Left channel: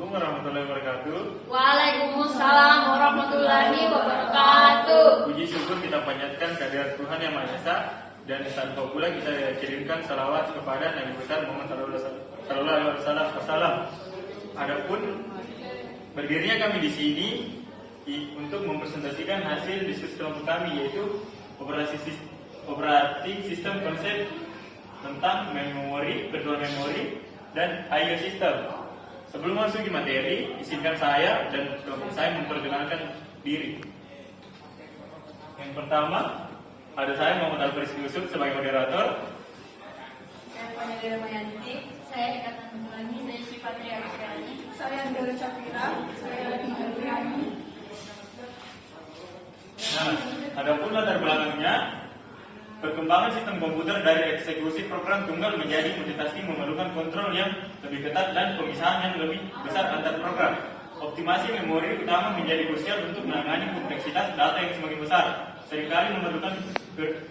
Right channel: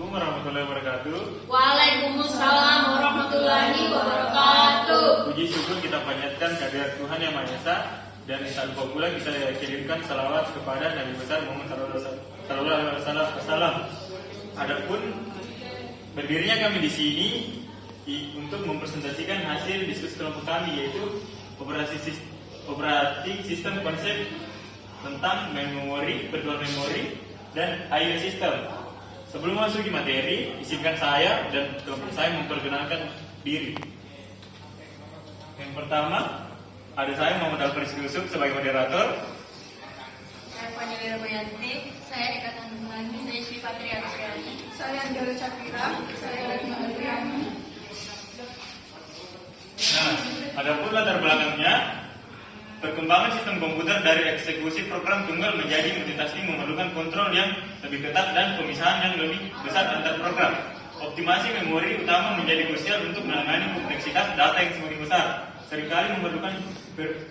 Assalamualaikum warahmatullahi wabarakatuh. Waalaikumsalam warahmatullahi wabarakatuh. Puji syukur kita panjatkan kehadirat Tuhan Yang Maha Esa, dan tak lupa pula kita kirimkan salawat kepada Nabi besar Muhammad sallallahu alaihi wasallam. Adapun berdirinya kami di sini untuk mempresentasikan hasil diskusi kelompok kami, yaitu operating system konsep tentang memori, virtual memory, dan I/O system. Sebelum masuk ke materi, izinkan saya dan kelompok saya memperkenalkan diri. Yang pertama, ada saya Muhammad Alfred Yusuf sebagai moderator. Saya Fani Wirmayanti. Saya Eka Tandulangi. Saya Syifa Triasyani. Saya Anjali Syafira. Saya Retma Adriani. Nah, adapun latar belakangnya, perkembangan sistem komputer dari eksekusi program tunggal menjadi multitasking memerlukan kontrol yang lebih ketat dan pemisahan yang lebih besar antar program. Optimasi memori utama menjadi krusial untuk menangani kompleksitas data yang semakin besar. Seringkali memerlukan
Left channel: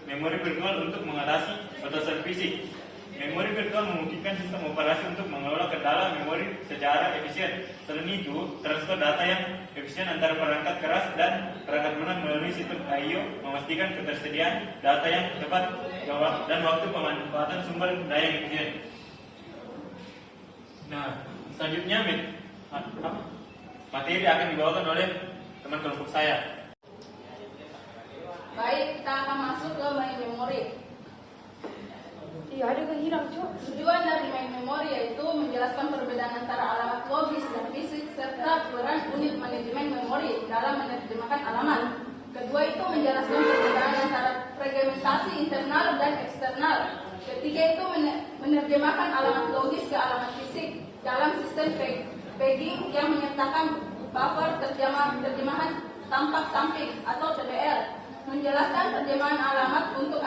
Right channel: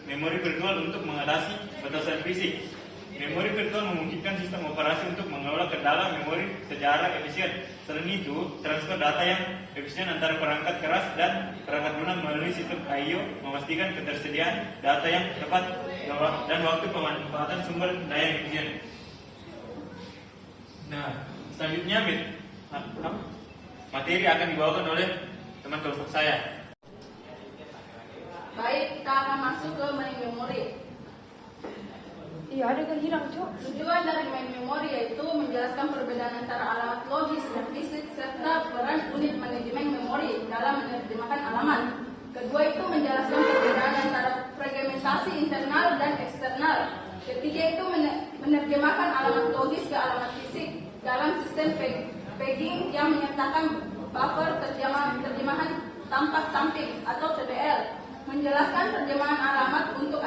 memori virtual untuk mengatasi batasan fisik. Memori virtual memungkinkan sistem operasi untuk mengelola ke dalam memori secara efisien. Selain itu, transfer data yang efisien antara perangkat keras dan perangkat lunak melalui sistem I/O memastikan ketersediaan data yang tepat dan waktu pemanfaatan sumber daya yang efisien. Nah, selanjutnya materi akan dibawakan oleh teman kelompok saya. Baik, kita akan masuk ke main memory. Iya, ada kehilang, Cuk. Tujuan dari main memory yaitu menjelaskan perbedaan antara alamat logis dan fisik serta peran unit manajemen memori dalam menerjemahkan alamat. Kedua itu menjelaskan perbedaan antara fragmentasi internal dan eksternal. Ketiga itu menerjemahkan alamat logis ke alamat fisik dalam sistem pegging yang menyertakan buffer terjemahan tampak samping atau TBL. Menjelaskan terjemahan alamat untuk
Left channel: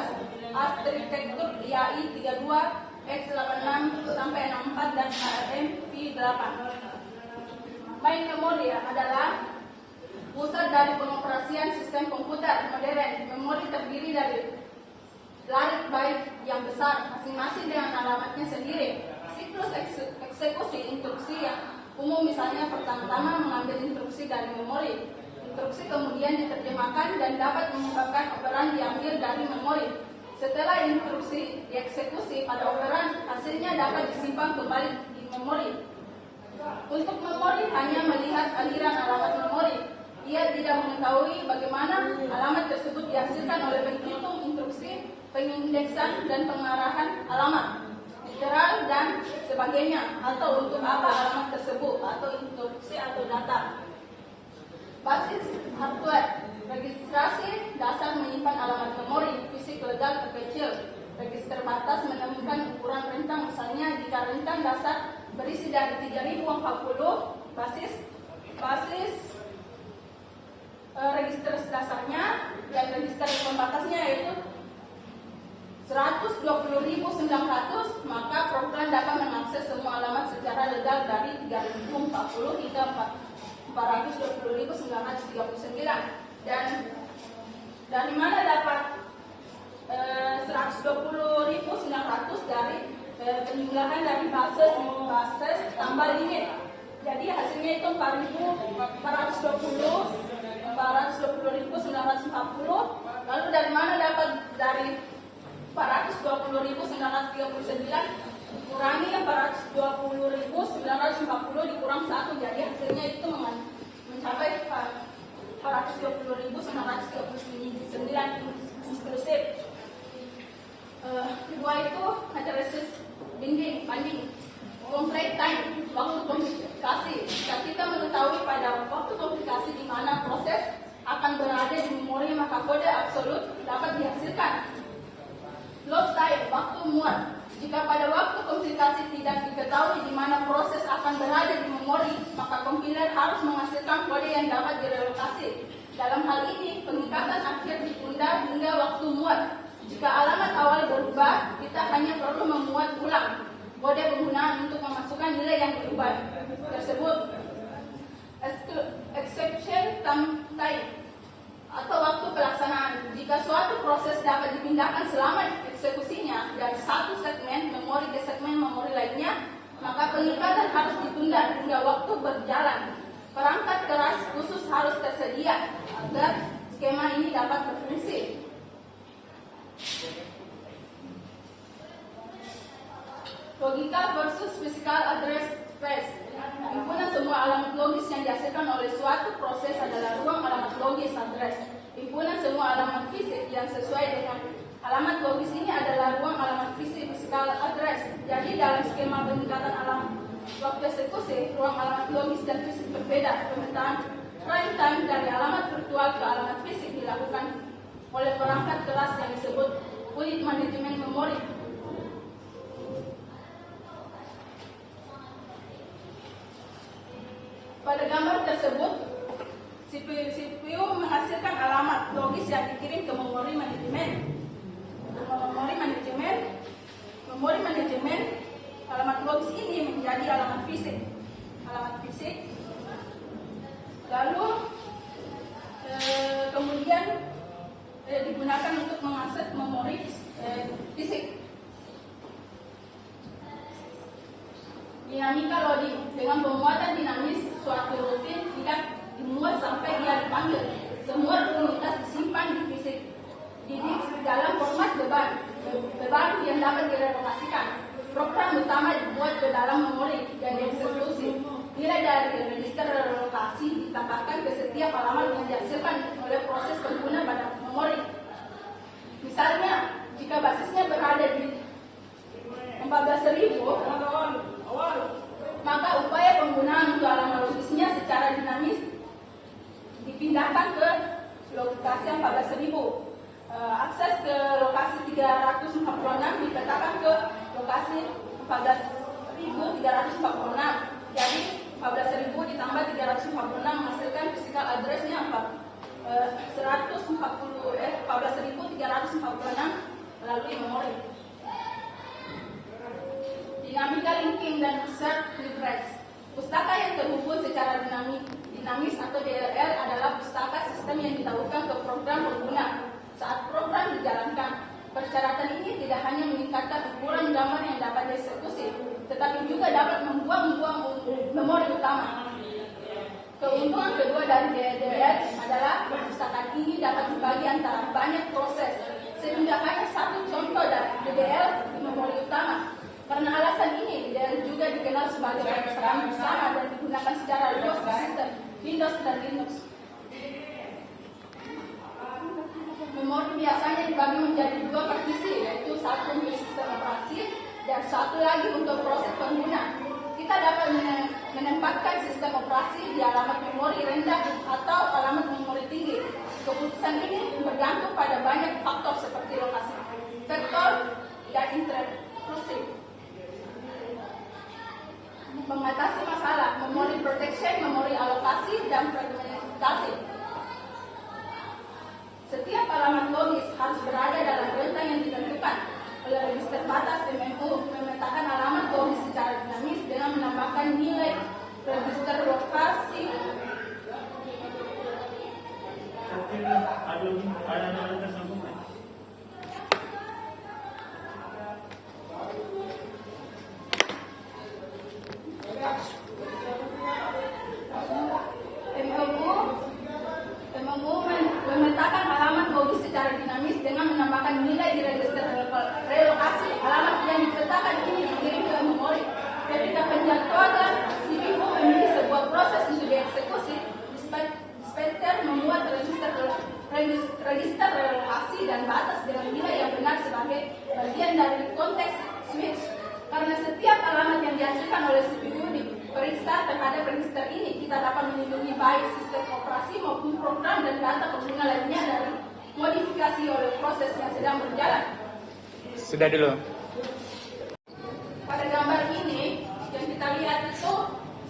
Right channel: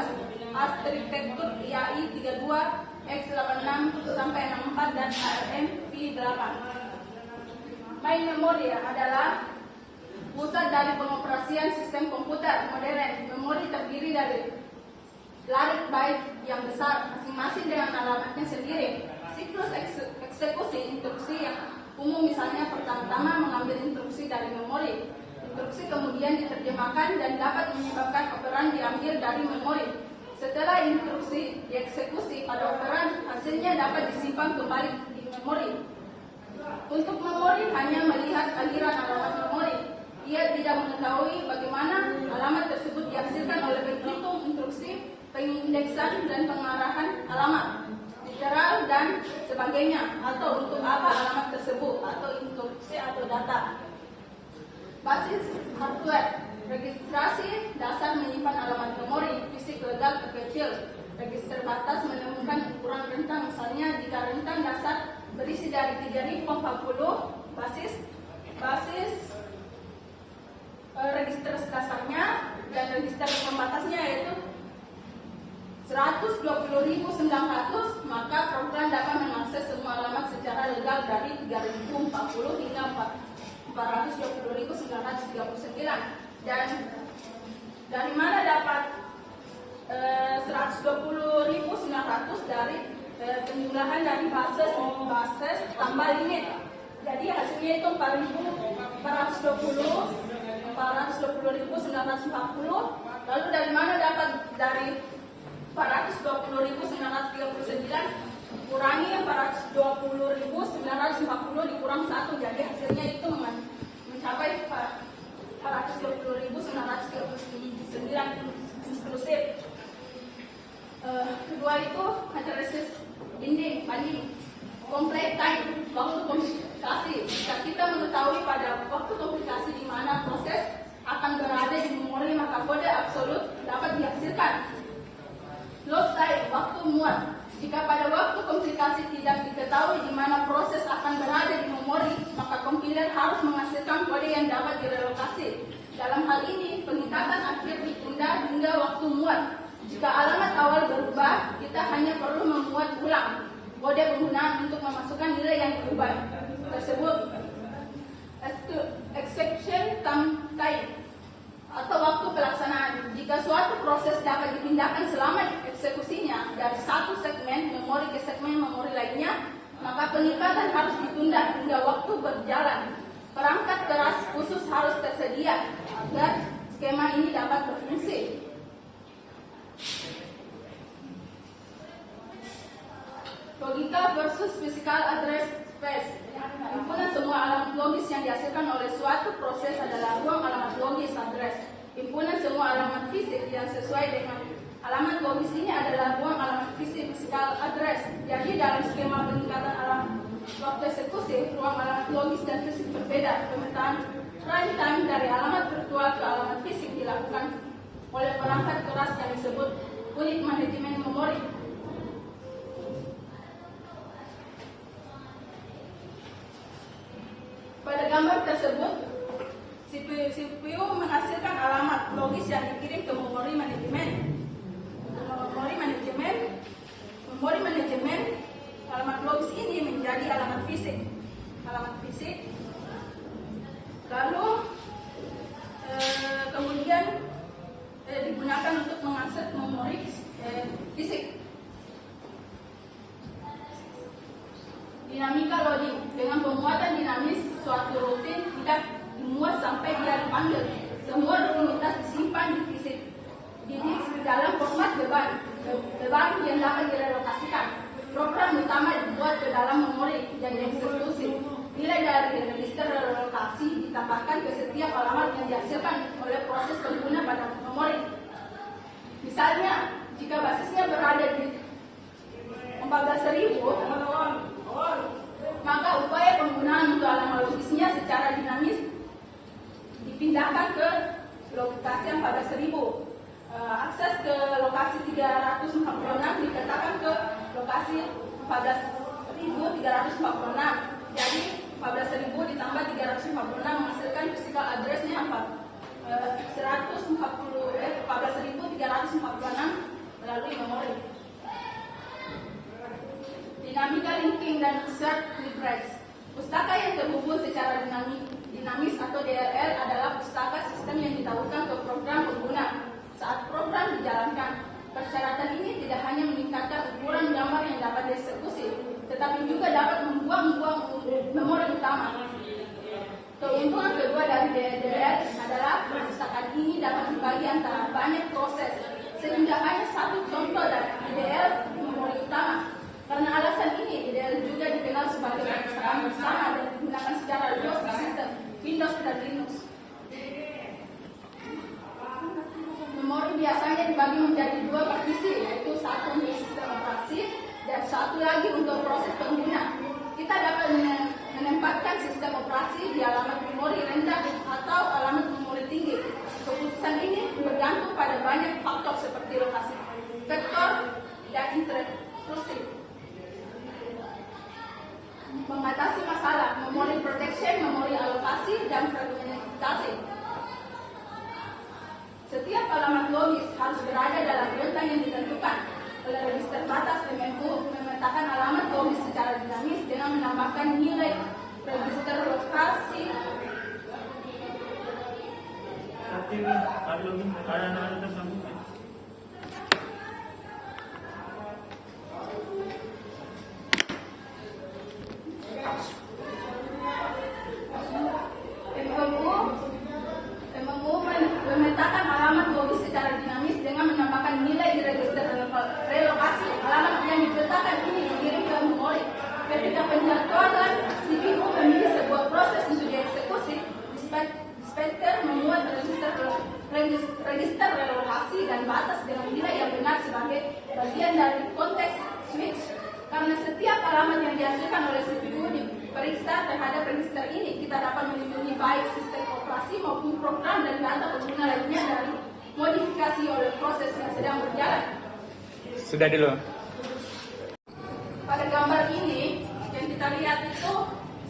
arsitektur IAI 32, X86 sampai 64 dan ARM V8. Main memory adalah pusat dari pengoperasian sistem komputer modern. Memori terdiri dari larik byte yang besar, masing-masing dengan alamatnya sendiri. Siklus eksekusi instruksi yang umum misalnya pertama-tama mengambil instruksi dari memori. Instruksi kemudian diterjemahkan dan dapat menyebabkan operan diambil dari memori. Setelah instruksi dieksekusi pada operan, hasilnya dapat disimpan kembali di memori. Untuk memori hanya melihat aliran alamat memori. Ia tidak mengetahui bagaimana alamat tersebut dihasilkan oleh penghitung instruksi, pengindeksan dan pengarahan alamat, literal dan sebagainya, atau untuk apa alamat tersebut, atau instruksi atau data. Basis hardware. Registrasi dasar menyimpan alamat memori fisik legal terkecil. Register batas menemukan ukuran rentang, misalnya jika rentang dasar berisi dari 3040 basis register dasarnya, dan register pembatasnya yaitu 120.900, maka program dapat mengakses semua alamat secara legal dari 3040 hingga 420.939. Dan dari mana dapat 120.900 dari penjumlahan dari basis tambah limit. Jadi hasilnya itu 420.940. Lalu dari mana dapat dari 420.939 kurangi 420.940 dikurang 1, jadi hasilnya itu mencapai 420.939 inklusif. Kedua itu matrisis banding complete time, waktu komplikasi. Jika kita mengetahui pada waktu komplikasi di mana proses akan berada di memori, maka kode absolut dapat dihasilkan. Load time, waktu muat. Jika pada waktu komplikasi tidak diketahui di mana proses akan berada di memori, maka kompiler harus menghasilkan kode yang dapat direlokasi. Dalam hal ini, pengikatan akhir ditunda hingga waktu muat. Jika alamat awal berubah, kita hanya perlu memuat ulang kode penggunaan untuk memasukkan nilai yang berubah tersebut. Exception time atau waktu pelaksanaan. Jika suatu proses dapat dipindahkan selama eksekusinya dari satu segmen memori ke segmen memori lainnya, maka peningkatan harus ditunda hingga waktu berjalan. Perangkat keras khusus harus tersedia agar skema ini dapat berfungsi. Logika versus physical address space. Himpunan semua alamat logis yang dihasilkan oleh suatu proses adalah ruang alamat logis address. Himpunan semua alamat fisik yang sesuai dengan alamat logis ini adalah ruang alamat fisik physical address. Jadi dalam skema peningkatan alamat waktu eksekusi, ruang alamat logis dan fisik berbeda. Pemetaan prime time dari alamat virtual ke alamat fisik dilakukan oleh perangkat keras yang disebut unit manajemen memori. Pada gambar tersebut, CPU menghasilkan alamat logis yang dikirim ke memori manajemen. Memori manajemen, alamat logis ini menjadi alamat fisik. Lalu kemudian digunakan untuk mengakses memori fisik. Dinamika loading, dengan pemuatan dinamis suatu rutin tidak dimuat sampai dia dipanggil. Semua rutinitas disimpan di fisik di disk dalam format beban yang dapat direlokasikan. Program utama dibuat ke dalam memori dan dieksekusi. Nilai dari register relokasi ditambahkan ke setiap alamat yang dihasilkan oleh proses pengguna pada memori. Misalnya, jika basisnya berada di 14.000, maka upaya penggunaan untuk alamat logisnya secara dinamis dipindahkan ke lokasi 14.000. Akses ke lokasi 346 dipetakan ke lokasi 14.346. Jadi 14.000 ditambah 346 menghasilkan physical address-nya 14.346 melalui memori. Dinamika linking dan search request. Pustaka yang terhubung secara dinamis atau DLL adalah pustaka sistem yang ditautkan ke program pengguna saat program dijalankan. Persyaratan ini tidak hanya meningkatkan ukuran gambar yang dapat dieksekusi, tetapi juga dapat membuang memori utama. Keuntungan kedua dari DLL adalah perpustakaan ini dapat dibagi antara banyak proses, sehingga hanya satu contoh dari DLL memori utama. Karena alasan ini, DLL juga dikenal sebagai perpustakaan bersama dan digunakan secara luas di sistem Windows dan Linux. Memori biasanya dibagi menjadi dua partisi, yaitu satu untuk sistem operasi dan satu lagi untuk proses pengguna. Kita dapat menempatkan sistem operasi di alamat memori rendah atau alamat memori tinggi. Keputusan ini bergantung pada banyak faktor seperti lokasi vektor dan intrusif. Mengatasi masalah memori protection, memori alokasi, dan fragmentasi. Setiap alamat logis harus berada dalam rentang yang ditentukan oleh register batas MMU. Memetakan alamat logis secara dinamis dengan menambahkan nilai register lokasi. Tapi ada tersebut. Memetakan alamat logis secara dinamis dengan menambahkan nilai di register relokasi. Alamat yang dipetakan ini dikirim ke memori. Ketika penjadwalan, CPU memilih sebuah proses untuk dieksekusi. Dispenser memuat register relokasi dan batas dengan nilai yang benar sebagai bagian dari konteks switch. Karena setiap alamat yang dihasilkan oleh CPU diperiksa terhadap register ini, kita dapat melindungi baik sistem operasi maupun program dan data pengguna lainnya dari modifikasi oleh proses yang sedang berjalan. Sudah dulu. Pada gambar ini yang kita lihat itu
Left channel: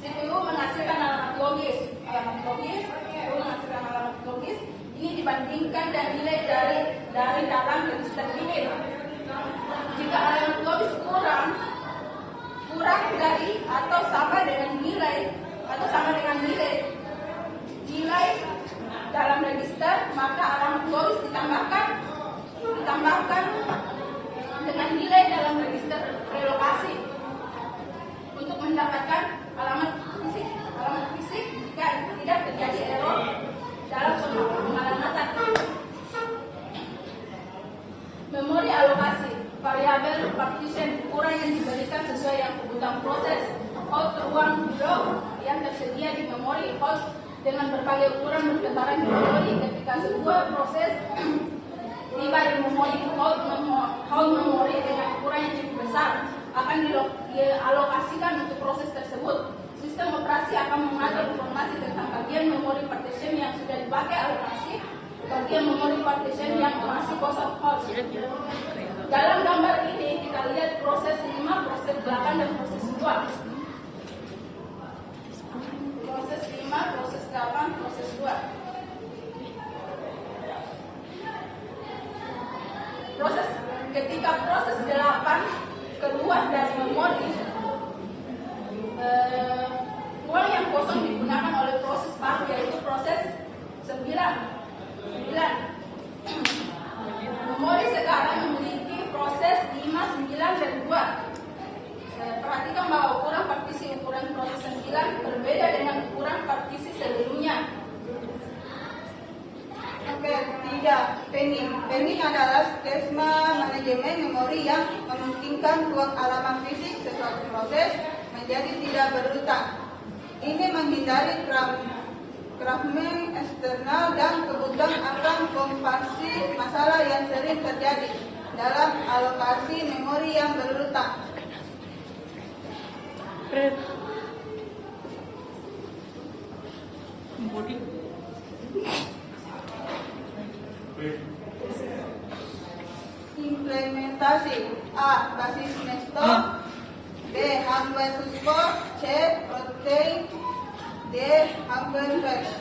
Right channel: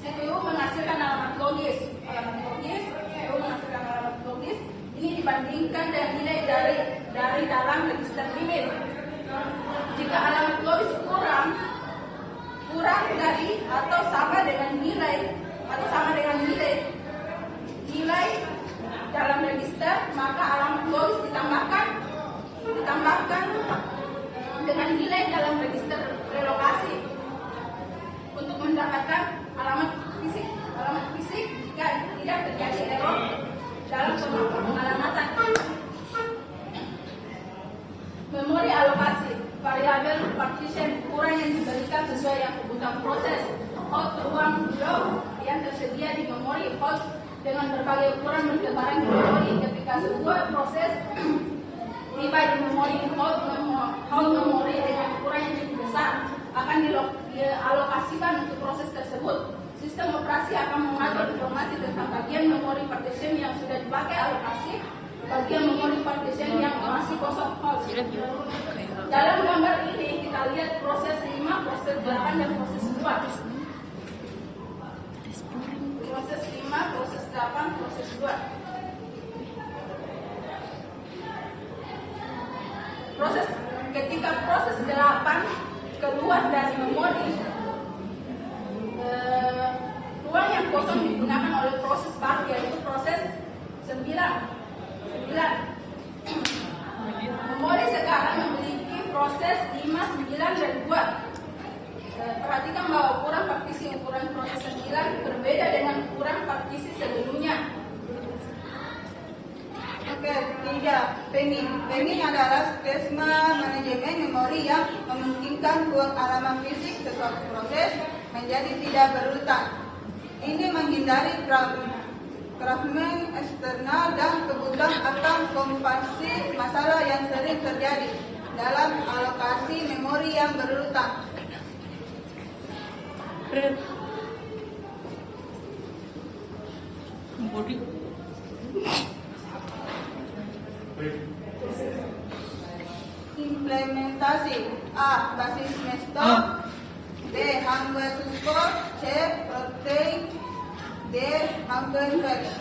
CPU menghasilkan alamat logis. CPU menghasilkan alamat logis. Ini dibandingkan dan nilai dari dalam register limit. Jika alamat logis kurang dari atau sama dengan nilai dalam register, maka alamat logis ditambahkan dengan nilai dalam register relokasi. untuk mendapatkan alamat fisik jika tidak terjadi error dalam pengalamatan. Memori alokasi variabel partition ukuran yang diberikan sesuai yang kebutuhan proses. Host ruang blok yang tersedia di memori host dengan berbagai ukuran bertebaran di memori. Ketika sebuah proses tiba di memori host memori dengan ukuran yang cukup besar akan dialokasikan untuk proses tersebut. Sistem operasi akan mengatur informasi tentang bagian memori partition yang sudah dipakai alokasi, bagian memori partition yang masih kosong host. Dalam gambar ini kita lihat proses 5, proses 8, dan proses 2. Proses 5, proses 8, proses 2. Ketika proses 8 keluar dari memori, ruang yang kosong digunakan oleh proses baru, yaitu proses 9. Memori sekarang memiliki proses 5, 9, dan 2. Perhatikan bahwa ukuran partisi ukuran proses 9 berbeda dengan ukuran partisi sebelumnya. Oke, 3. Pending adalah skema manajemen memori yang memungkinkan ruang halaman fisik sesuatu proses menjadi tidak berurutan. Ini menghindari fragmen eksternal dan kebutuhan akan kompensasi masalah yang sering terjadi dalam alokasi memori yang berurutan. Implementasi A. Basis Nesto, B. Hardware support, C. Protein, D. Hardware flash.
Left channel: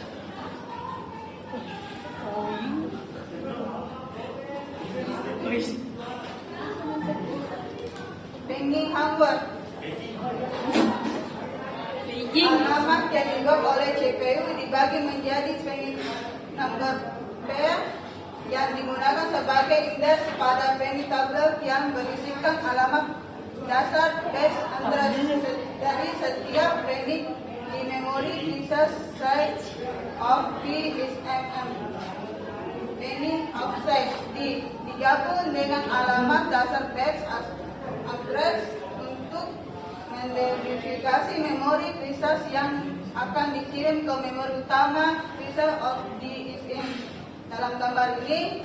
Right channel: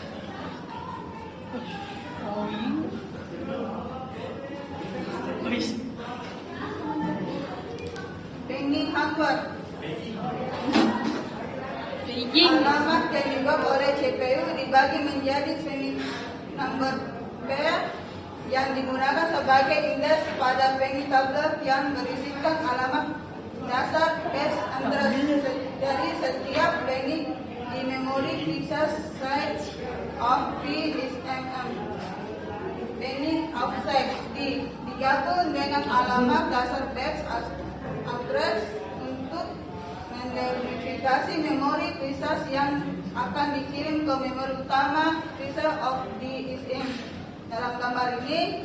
Pending hardware. Alamat yang dibuat oleh CPU dibagi menjadi pending number pair yang digunakan sebagai indeks pada pending tablet yang berisikan alamat dasar base address. Jadi setiap pending di memori bisa size of P is mm. Pending offset digabung dengan alamat dasar base address untuk menderifikasi memori pieces yang akan dikirim ke memori utama pieces of D is M. Dalam gambar ini,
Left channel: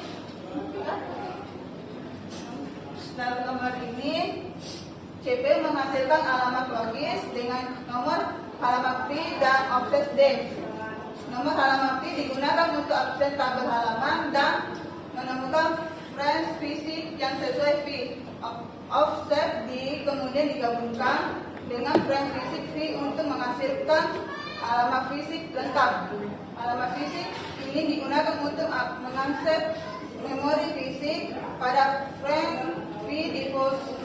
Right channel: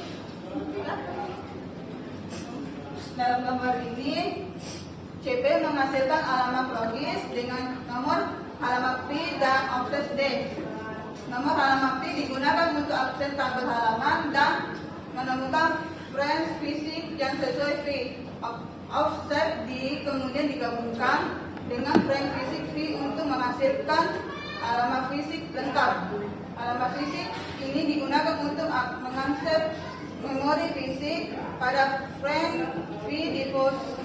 CPU menghasilkan alamat logis dengan nomor halaman P dan offset D. Nomor halaman P digunakan untuk akses tabel halaman dan menemukan frame fisik yang sesuai P. Offset D kemudian digabungkan dengan frame fisik V untuk menghasilkan alamat fisik lengkap. Alamat fisik ini digunakan untuk mengakses memori fisik pada frame V di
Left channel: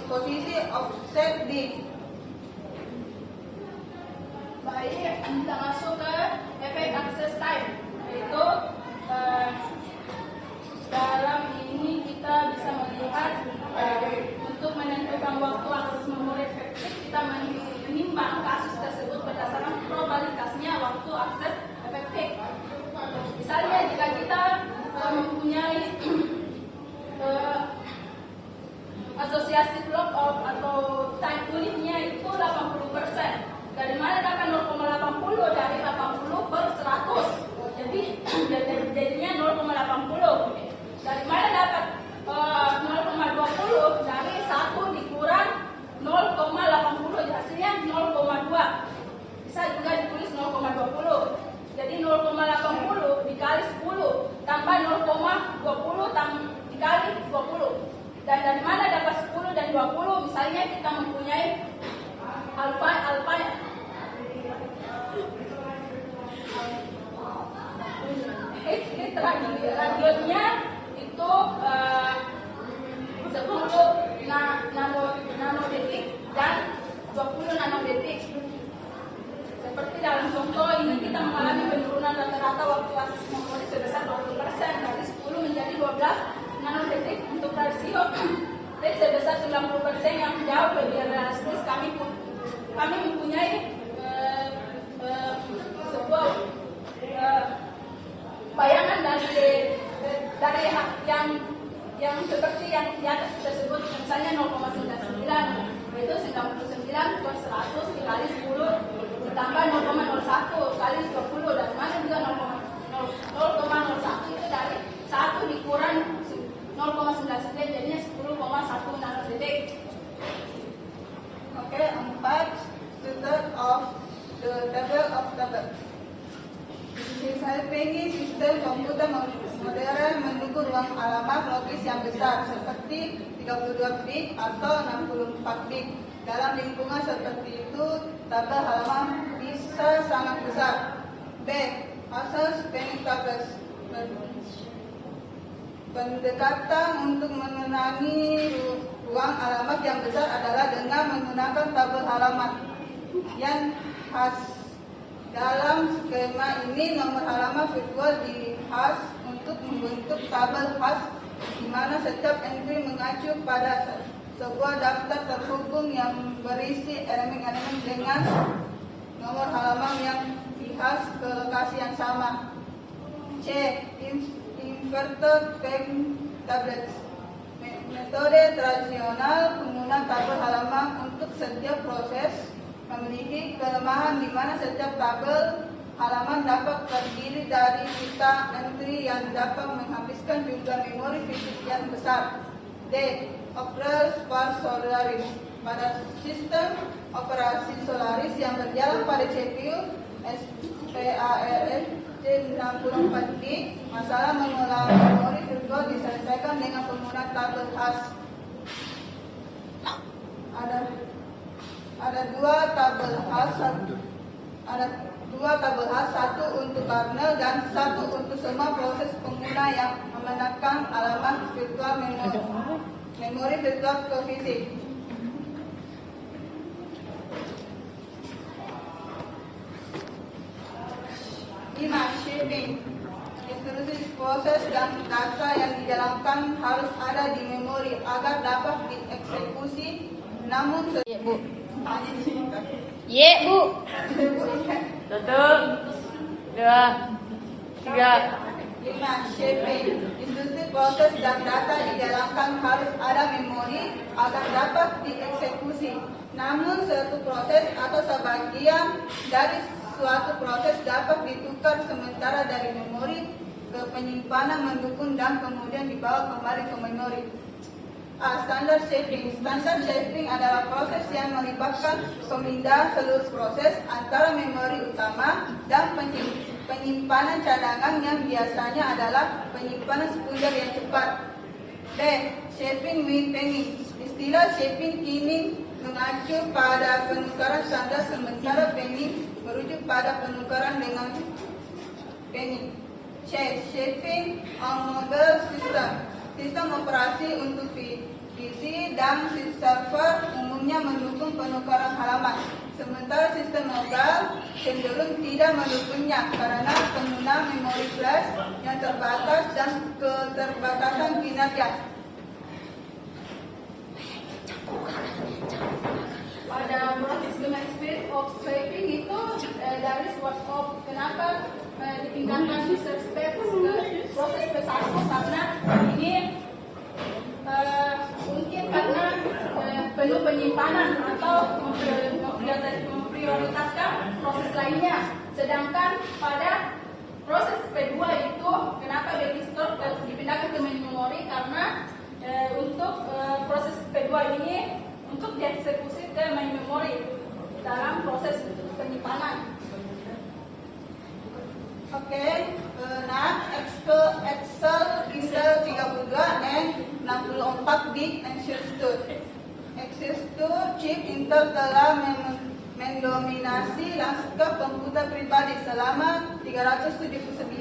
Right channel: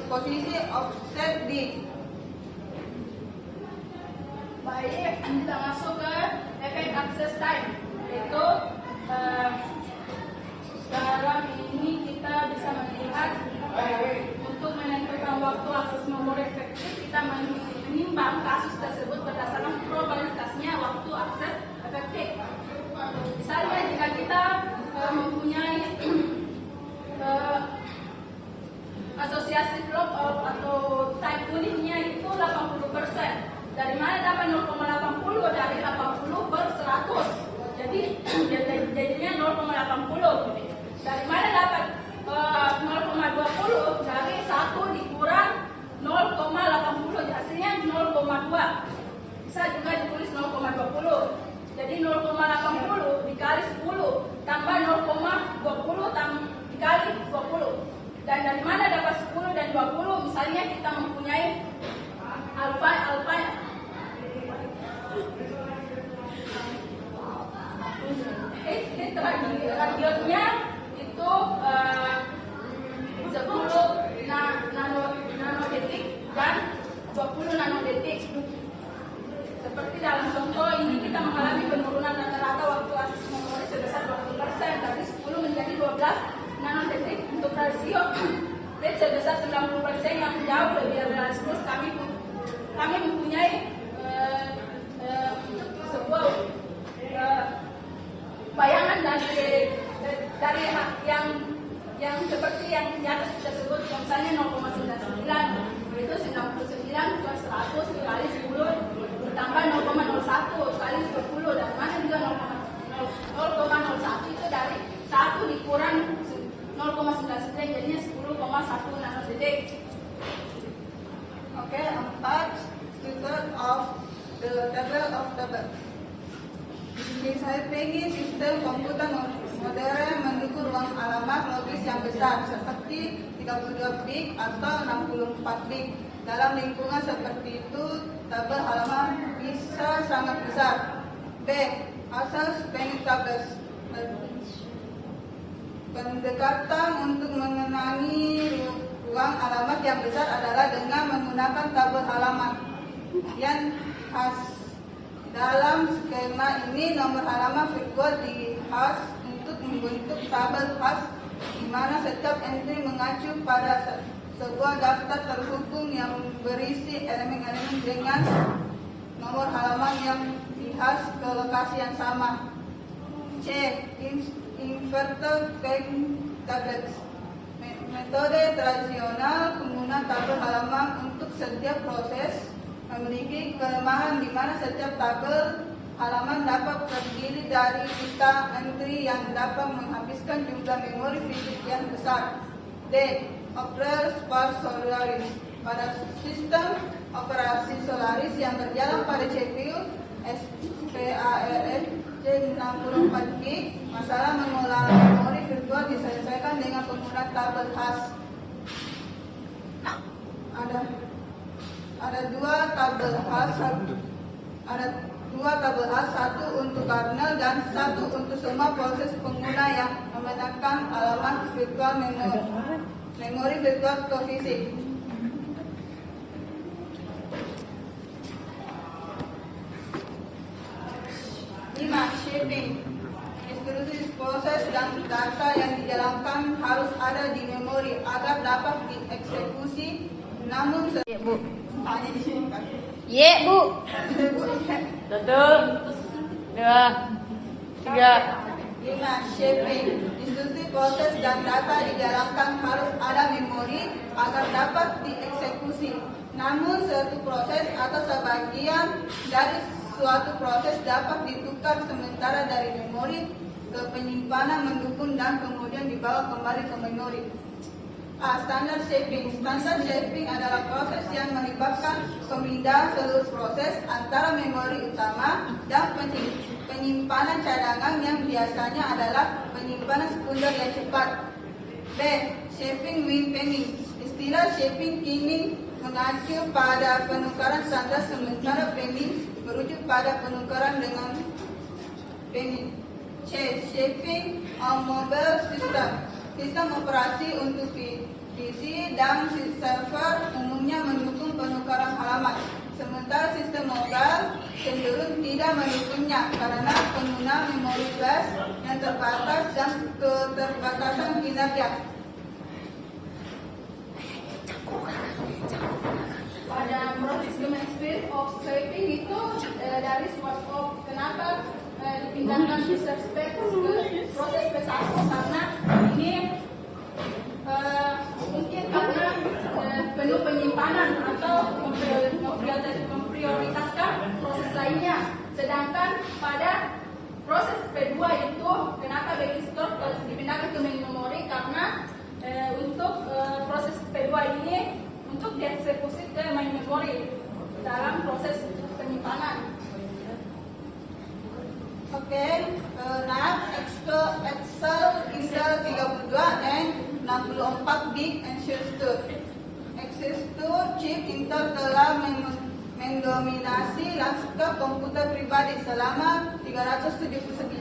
posisi offset B. Baik, kita masuk ke efek access time, yaitu dalam ini kita bisa melihat untuk menentukan waktu akses memori efektif, kita menimbang kasus tersebut berdasarkan probabilitasnya waktu akses efektif. Misalnya jika kita mempunyai asosiasi block atau time unitnya itu 80%. Dari mana dapat 0,80 dari 80 per 100? Jadi jadinya 0,80. Dari mana dapat 0,20 dari 1 dikurang 0,80 hasilnya 0,2. Bisa juga ditulis 0,20. Jadi 0,80 dikali 10 tambah 0,20 dikali 20. Dan dari mana dapat 10 dan 20? Misalnya kita mempunyai alfa radionya itu 10 nanodetik dan 20 nanodetik. Seperti dalam contoh ini kita mengalami penurunan rata-rata waktu akses memori sebesar 20%, dari 10 menjadi 12 nanodetik. Untuk rasio sebesar 90% yang jauh lebih realistis, kami kami mempunyai sebuah bayangan dari yang seperti yang di atas kita sebut, misalnya 0,99 itu 99 plus 100 dikali 10 bertambah 0,01 kali 20, dari mana juga 0,01 itu dari 1 dikurang 0,99 jadinya 10,1 nanodetik. Oke, 4. Structure of the table of table. Misalnya PEGI sistem komputer modern mendukung ruang alamat logis yang besar seperti 32 bit atau 64 bit. Dalam lingkungan seperti itu, tabel halaman bisa sangat besar. B. Asas PEGI tables. Pendekatan untuk mengenali ruang alamat yang besar adalah dengan menggunakan tabel halaman yang khas. Dalam skema ini, nomor halaman virtual dihas untuk membentuk tabel khas di mana setiap entry mengacu pada sebuah daftar terhubung yang berisi elemen-elemen dengan nomor halaman yang dihas ke lokasi yang sama. C. Inverted PEGI tables. Metode tradisional penggunaan tabel halaman untuk setiap proses memiliki kelemahan di mana setiap tabel halaman dapat terdiri dari juta entry yang dapat menghabiskan jumlah memori fisik yang besar. D. Operators for Solaris. Pada sistem operasi Solaris yang berjalan pada CPU SPARC 64 bit, masalah mengolah memori virtual diselesaikan dengan penggunaan tabel khas. Ada dua tabel khas, satu untuk kernel dan satu untuk semua proses pengguna yang menggunakan alamat virtual memori virtual fisik. Shaping. Instruksi proses dan data yang dijalankan harus ada di memori agar dapat dieksekusi. Namun Bu. Ye, Bu. 1, 2, 3. 5. Shaping. Instruksi proses dan data dijalankan harus ada memori agar dapat dieksekusi. Namun suatu proses atau sebagian dari suatu proses dapat ditukar sementara dari memori ke penyimpanan mendukung dan kemudian dibawa kembali ke memori. Standard shaping. Standard shaping adalah proses yang melibatkan pemindahan seluruh proses antara memori utama dan penyimpanan cadangan yang biasanya adalah penyimpanan sekunder yang cepat. B. Shaping with penning. Istilah shaping kini mengacu pada penukaran standar sementara penning merujuk pada penukaran dengan penning. C. Shaping on mobile system. Sistem operasi untuk PC dan server umumnya mendukung penukaran halaman. Sementara sistem mobile cenderung tidak mendukungnya karena penggunaan memori flash yang terbatas dan keterbatasan kinerja. Pada proses domain speed of shaping itu dari swap of kenapa dipindahkan user space ke proses P1 karena ini mungkin karena perlu penyimpanan atau memprioritaskan proses lainnya. Sedangkan pada proses P2 itu kenapa register dipindahkan ke memori karena untuk proses P2 ini untuk dieksekusi ke main memori dalam proses penyimpanan. Oke, nah Excel bisa 32 dan 64 bit Excelsior chip Intel telah mendominasi lanskap komputer pribadi selama 379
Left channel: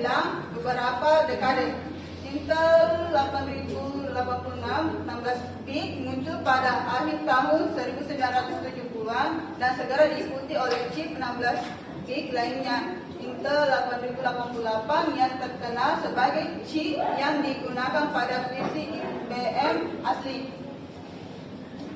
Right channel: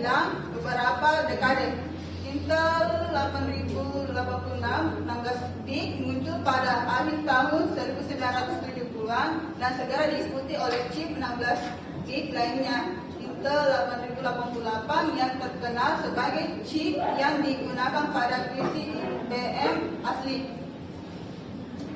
beberapa dekade. Intel 8086 16 bit muncul pada akhir tahun 1970-an dan segera diikuti oleh chip 16 bit lainnya. Intel 8088 yang terkenal sebagai chip yang digunakan pada PC IBM asli.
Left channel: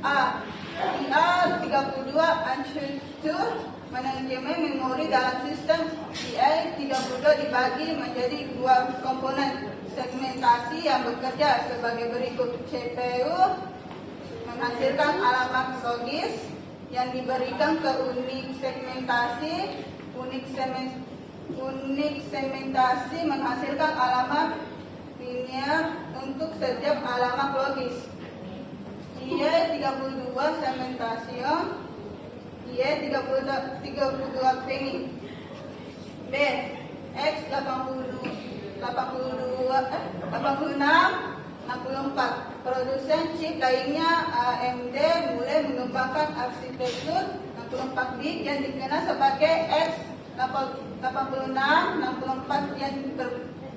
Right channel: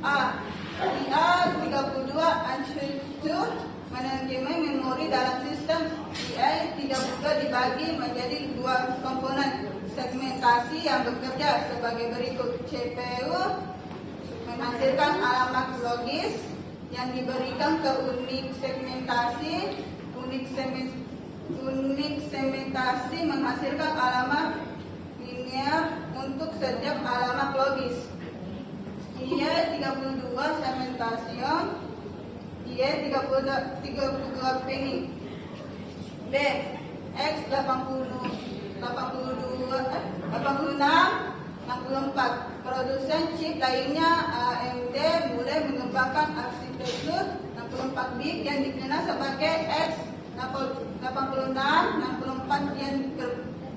A. IA32 unsure manajemen memori dalam sistem. IA32 dibagi menjadi dua komponen segmentasi yang bekerja sebagai berikut. CPU menghasilkan alamat logis yang diberikan ke unit segmentasi. Unit segmentasi menghasilkan alamat linear untuk setiap alamat logis. IA32 segmentation. IA32 penny. B. X86 produsen chip lainnya AMD mulai mengembangkan arsitektur 64 bit yang dikenal sebagai X86 64 yang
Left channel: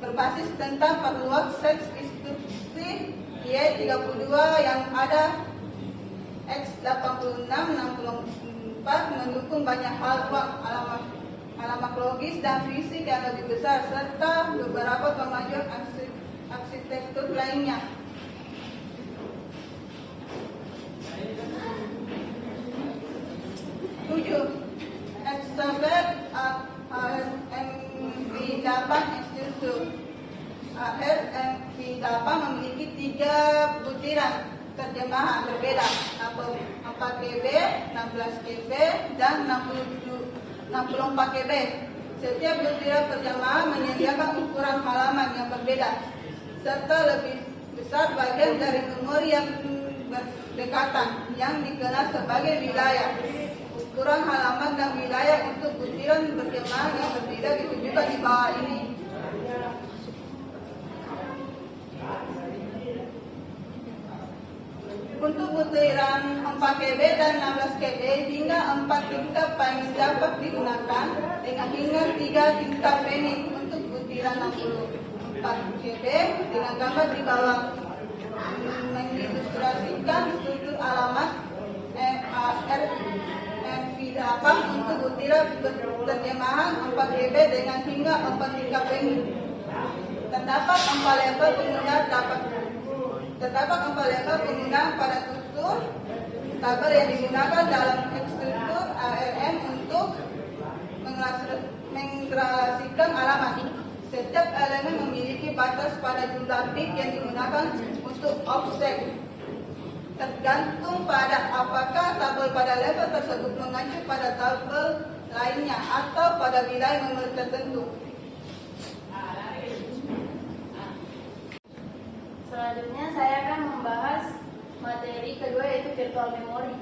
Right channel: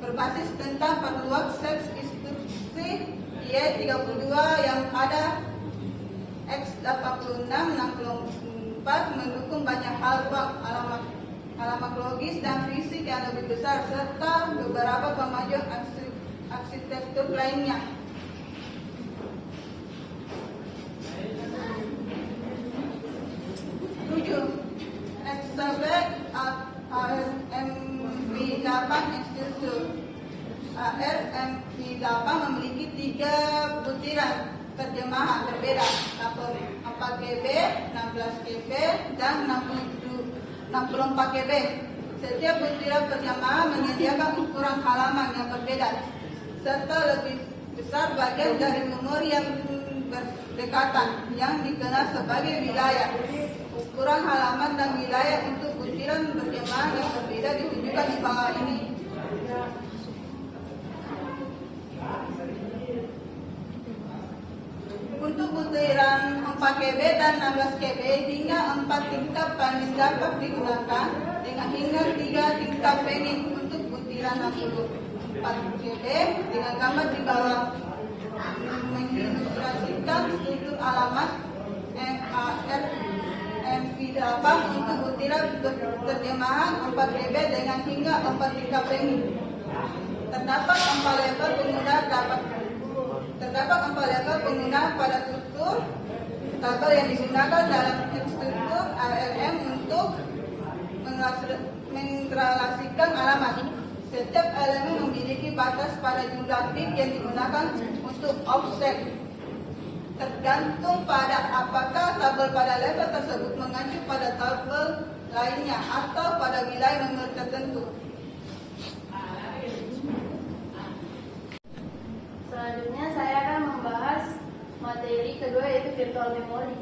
berbasis tentang perluas seks instruksi. IA32 yang ada X86 64 mendukung banyak hal, alamat logis dan fisik yang lebih besar serta beberapa kemajuan arsitektur lainnya. Exabet ARMV8 instruktur. ARMV8 memiliki 3 butiran terjemahan berbeda, 4 KB, 16 KB, dan 64 KB. Setiap butiran terjemahan menyediakan ukuran halaman yang berbeda, serta lebih besar bagian dari memori yang berdekatan, yang dikenal sebagai wilayah. Ukuran halaman dan wilayah untuk butiran terjemahan yang berbeda ditunjukkan di bawah ini. Untuk butiran 4 KB dan 16 KB, hingga 4 tingkat penny dapat digunakan dengan hingga 3 tingkat penny. Untuk butiran 64 KB dengan gambar di bawah mengilustrasikan struktur alamat MV8 untuk butiran terjemahan 4 KB dengan hingga 4 tingkat penny. Terdapat 4 level penggunaan pada struktur kabel yang digunakan dalam struktur ARM untuk mengrelasikan alamat. Setiap elemen memiliki batas pada jumlah bit yang digunakan untuk offset. Tergantung pada apakah tabel pada level tersebut mengacu pada tabel lainnya atau pada wilayah memori tertentu. Selanjutnya saya akan membahas materi kedua, yaitu virtual memory.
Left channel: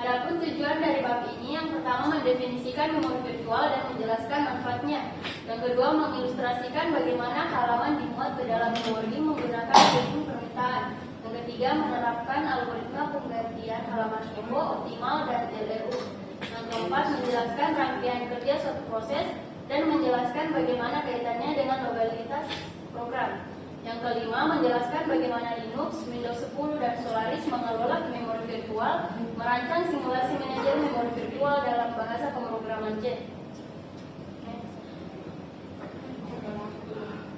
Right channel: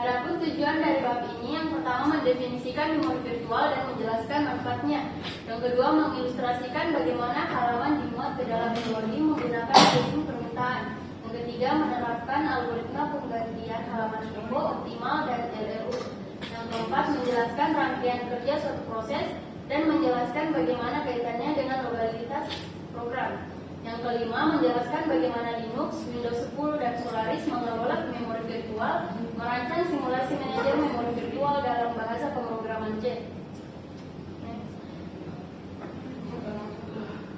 Adapun tujuan dari bab ini, yang pertama mendefinisikan memori virtual dan menjelaskan manfaatnya. Yang kedua mengilustrasikan bagaimana halaman dimuat ke dalam memori menggunakan sistem permintaan. Yang ketiga menerapkan algoritma penggantian halaman Evo, optimal, dan LRU. Yang keempat menjelaskan rangkaian kerja suatu proses dan menjelaskan bagaimana kaitannya dengan lokalitas program. Yang kelima, menjelaskan bagaimana Linux, Windows 10, dan Solaris mengelola memori virtual, merancang simulasi manajer memori virtual dalam bahasa pemrograman C.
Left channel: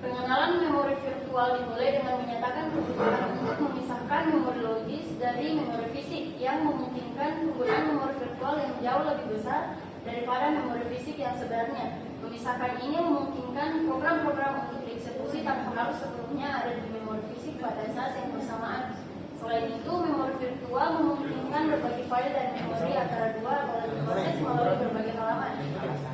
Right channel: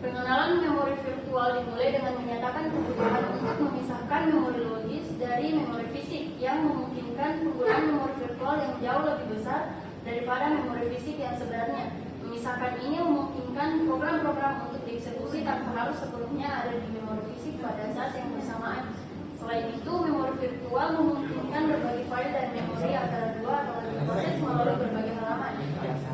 Pengenalan memori virtual dimulai dengan menyatakan kebutuhan untuk memisahkan memori logis dari memori fisik yang memungkinkan penggunaan memori virtual yang jauh lebih besar daripada memori fisik yang sebenarnya. Memisahkan ini memungkinkan program-program untuk dieksekusi tanpa harus sepenuhnya ada di memori fisik pada saat yang bersamaan. Selain itu, memori virtual memungkinkan berbagi file dan memori antara dua atau lebih proses melalui berbagai halaman,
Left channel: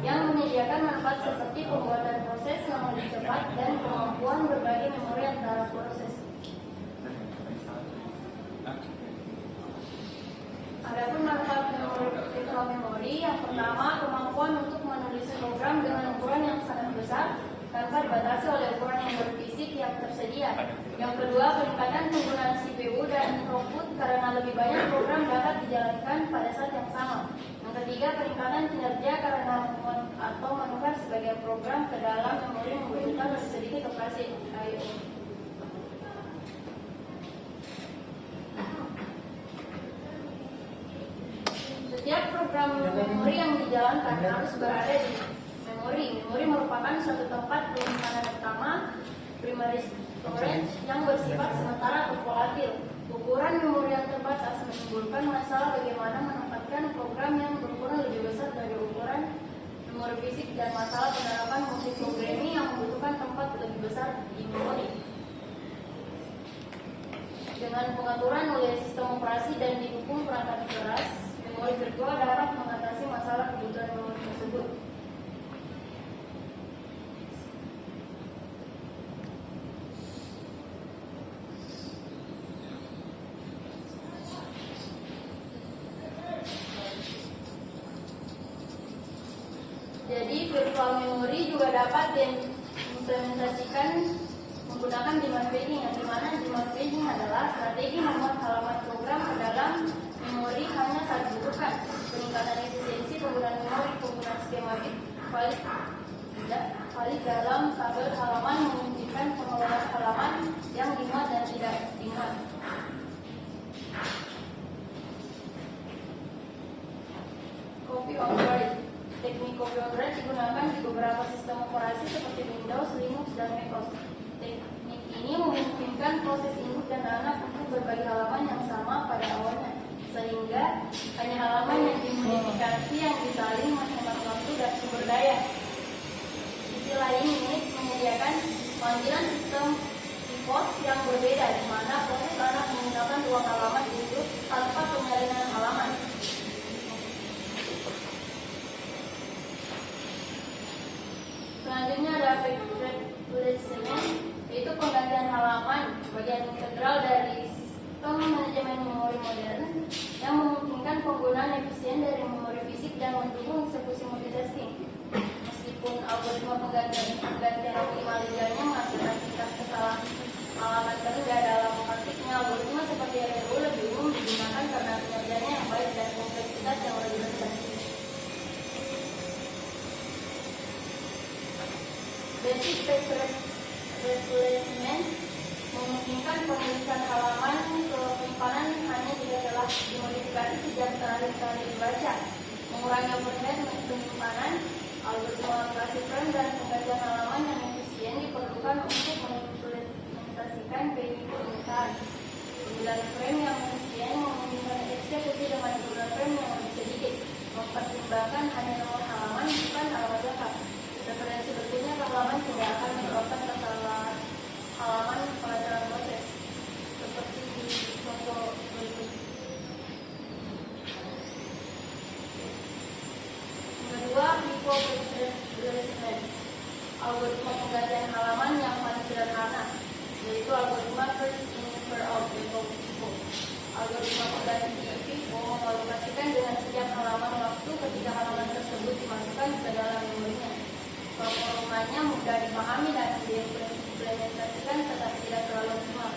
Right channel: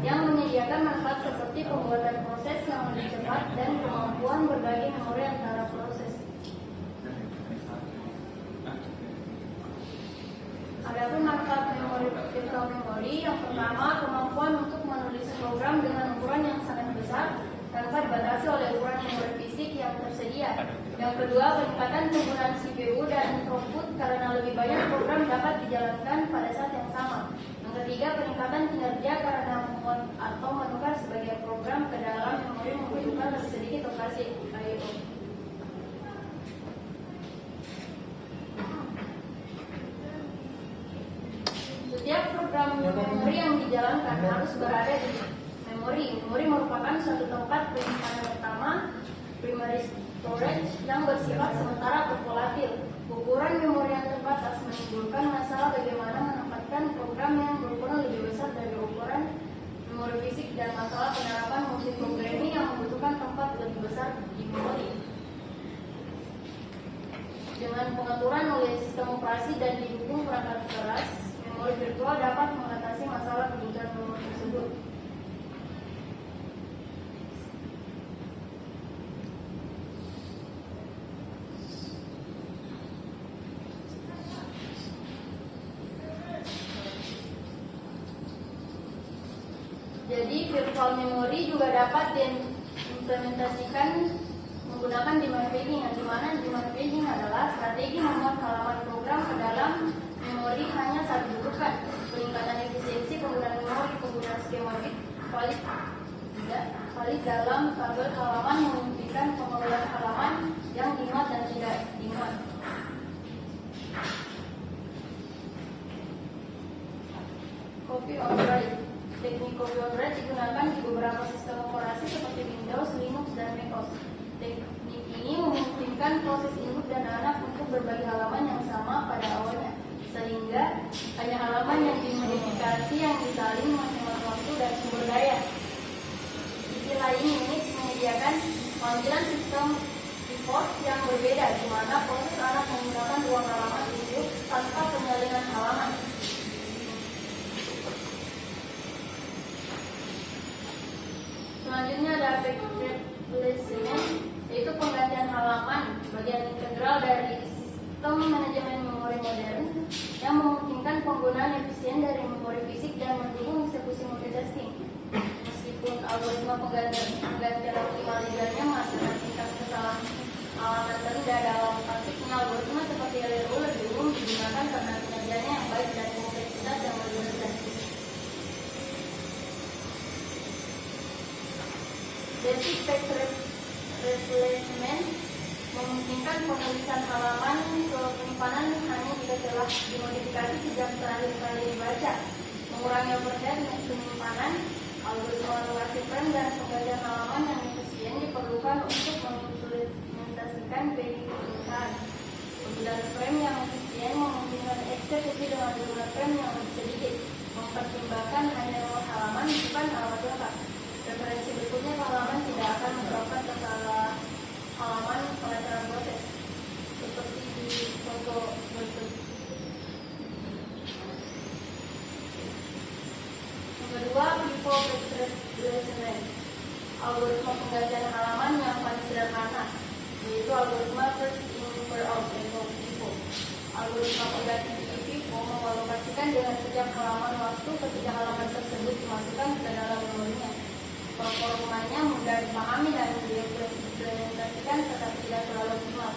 yang menyediakan manfaat seperti pembuatan proses yang lebih cepat dan kemampuan berbagi memori antara proses. Adapun manfaat virtual memory, yang pertama, kemampuan untuk menulis program dengan ukuran yang sangat besar tanpa dibatasi oleh ukuran memori fisik yang tersedia. Yang kedua, peningkatan penggunaan CPU dan throughput karena lebih banyak program dapat dijalankan pada saat yang sama. Yang ketiga, peningkatan kinerja karena memuat atau menukar sebagian program ke dalam memori membutuhkan sedikit operasi I/O. Setiap program memori yang dijalankan harus berada di memori. Memori merupakan suatu tempat penyimpanan utama primary storage yang bersifat sementara atau volatil. Ukuran memori yang terbatas menimbulkan masalah bagaimana menempatkan program yang berukuran lebih besar dari ukuran memori fisik dan masalah penerapan multiprogramming yang membutuhkan tempat lebih besar di memori. Dengan pengaturan oleh sistem operasi dan didukung perangkat keras, memori virtual dapat mengatasi masalah kebutuhan memori tersebut. Jadi virtual memory juga dapat diimplementasikan menggunakan demand paging, di mana demand paging adalah strategi memuat halaman program ke dalam memori hanya saat dibutuhkan. Peningkatan efisiensi penggunaan memori, penggunaan skema bit valid dalam tabel halaman yang memungkinkan pengelolaan halaman yang dimuat dan tidak dimuat. Copy on write. Teknik copy on write digunakan di beberapa sistem operasi seperti Windows, Linux, dan macOS. Teknik ini memungkinkan proses induk dan anak untuk berbagi halaman yang sama pada awalnya, sehingga hanya halaman yang dimodifikasi yang disaling menghemat waktu dan sumber daya. Sisi lain, Unix menyediakan panggilan sistem import yang berbeda, di mana proses anak menggunakan ruang halaman induk tanpa pengalihan halaman. Selanjutnya ada replacement, yaitu penggantian halaman, bagian integral dari sistem manajemen memori modern yang memungkinkan penggunaan efisien dari memori fisik dan mendukung eksekusi multitasking. Meskipun algoritma penggantian optimalisasinya masih ada tingkat kesalahan halaman rendah dalam praktiknya, algoritma seperti LRU lebih umum digunakan karena kinerjanya yang baik dan kompleksitas yang lebih rendah. Basic page replacement memungkinkan penulisan halaman ke penyimpanan hanya jika telah dimodifikasi sejak terakhir kali dibaca, mengurangi overhead penyimpanan. Algoritma alokasi frame dan penggantian halaman yang efisien diperlukan untuk mengimplementasikan permintaan. Penggunaan frame yang efisien memungkinkan eksekusi dengan jumlah frame yang lebih sedikit, mempertimbangkan hanya nomor halaman bukan alamat lengkap. Referensi berikutnya halaman tidak akan menyebabkan kesalahan halaman pengaturan proses seperti di contoh berikut. Yang kedua, default replacement, algoritma penggantian halaman yang paling sederhana, yaitu algoritma first in first out atau default. Algoritma pengganti default mengalokasikan dengan sejak halaman waktu ketika halaman tersebut dimasukkan ke dalam memorinya. Performanya mudah dipahami dan diimplementasikan tetapi tidak selalu optimal.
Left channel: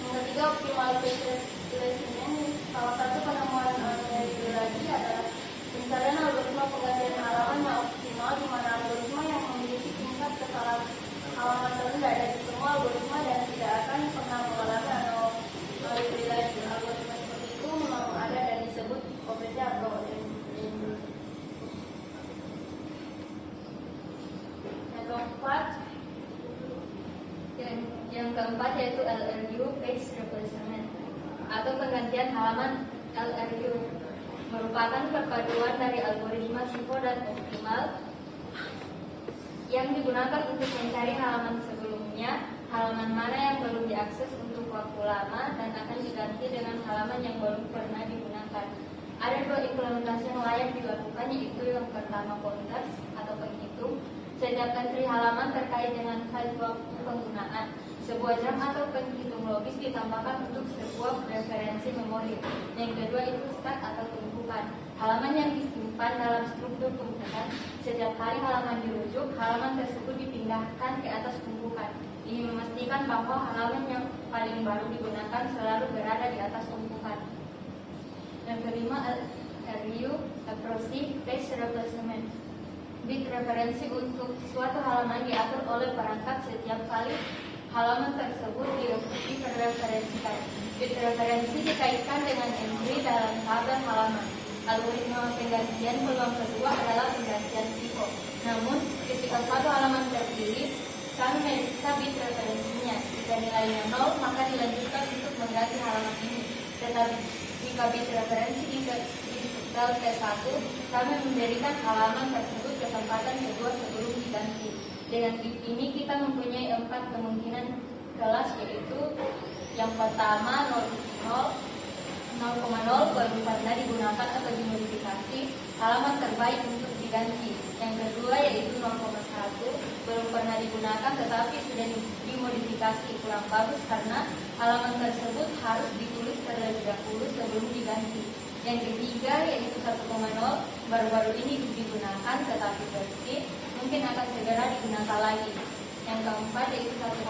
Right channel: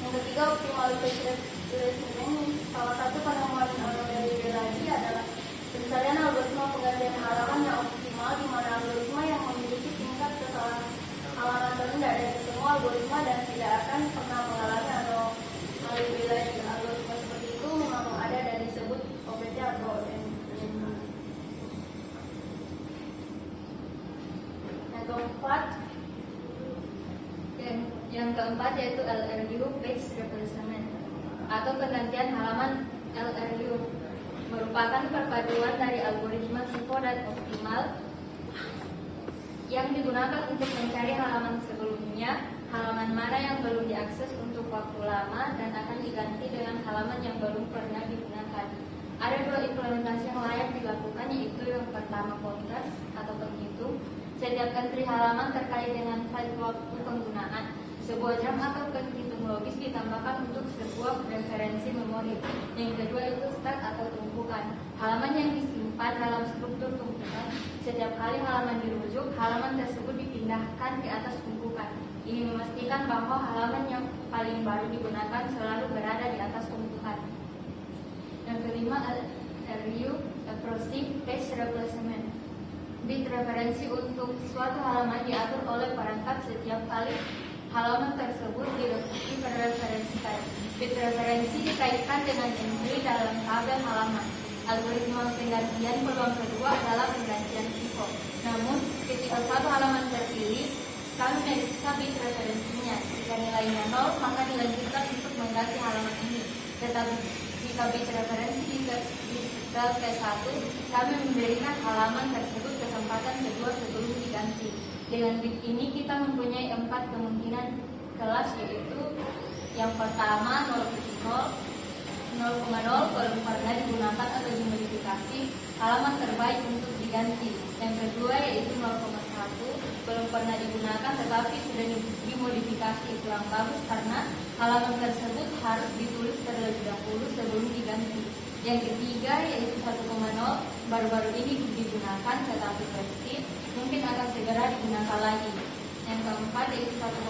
Yang ketiga, optimal page replacement. Salah satu penemuan lagi adalah pencarian algoritma penggantian halaman yang optimal, di mana algoritma yang memiliki tingkat kesalahan halaman rendah dari semua algoritma dan tidak akan pernah mengalami anomali. Algoritma seperti itu memang ada dan disebut OPT atau yang keempat yaitu LRU page replacement atau penggantian halaman. LRU merupakan perpaduan dari algoritma FIFO dan optimal yang digunakan untuk mencari halaman sebelumnya, halaman mana yang belum diakses untuk waktu lama dan akan diganti dengan halaman yang baru pernah digunakan. Ada dua implementasi yang layak dilakukan, yaitu yang pertama konteks atau penghitung. Setiap entry halaman terkait dengan file waktu penggunaan, sebuah jam atau penghitung logis ditambahkan untuk sebuah referensi memori. Yang kedua itu stack atau tumpukan, halaman yang disimpan dalam struktur tumpukan. Setiap kali halaman dirujuk, halaman tersebut dipindahkan ke atas tumpukan. Ini memastikan bahwa halaman yang paling baru digunakan selalu berada di atas tumpukan. Yang kelima, LRU Approximate Page Replacement. Bit referensi untuk suatu halaman diatur oleh perangkat setiap kali halaman tersebut direferensikan. Bit referensi dikaitkan dengan entry dalam tabel halaman. Algoritma penggantian peluang kedua adalah penggantian psiko. Namun, ketika satu halaman terpilih, kami meriksa bit referensinya. Jika nilainya 0, maka dilanjutkan untuk mengganti halaman ini. Tetapi jika bit referensi disetel ke 1, kami memberikan halaman tersebut kesempatan kedua sebelum diganti. Dengan bit ini kita mempunyai 4 kemungkinan kelas, yaitu yang pertama 0,0 belum pernah digunakan atau dimodifikasi, halaman terbaik untuk diganti. Yang kedua yaitu 0,1 belum pernah digunakan tetapi sudah dimodifikasi kurang bagus karena halaman tersebut harus ditulis terlebih dahulu sebelum diganti. Yang ketiga yaitu 1,0 baru-baru ini digunakan tetapi versi mungkin akan segera digunakan lagi. Yang keempat yaitu 1,1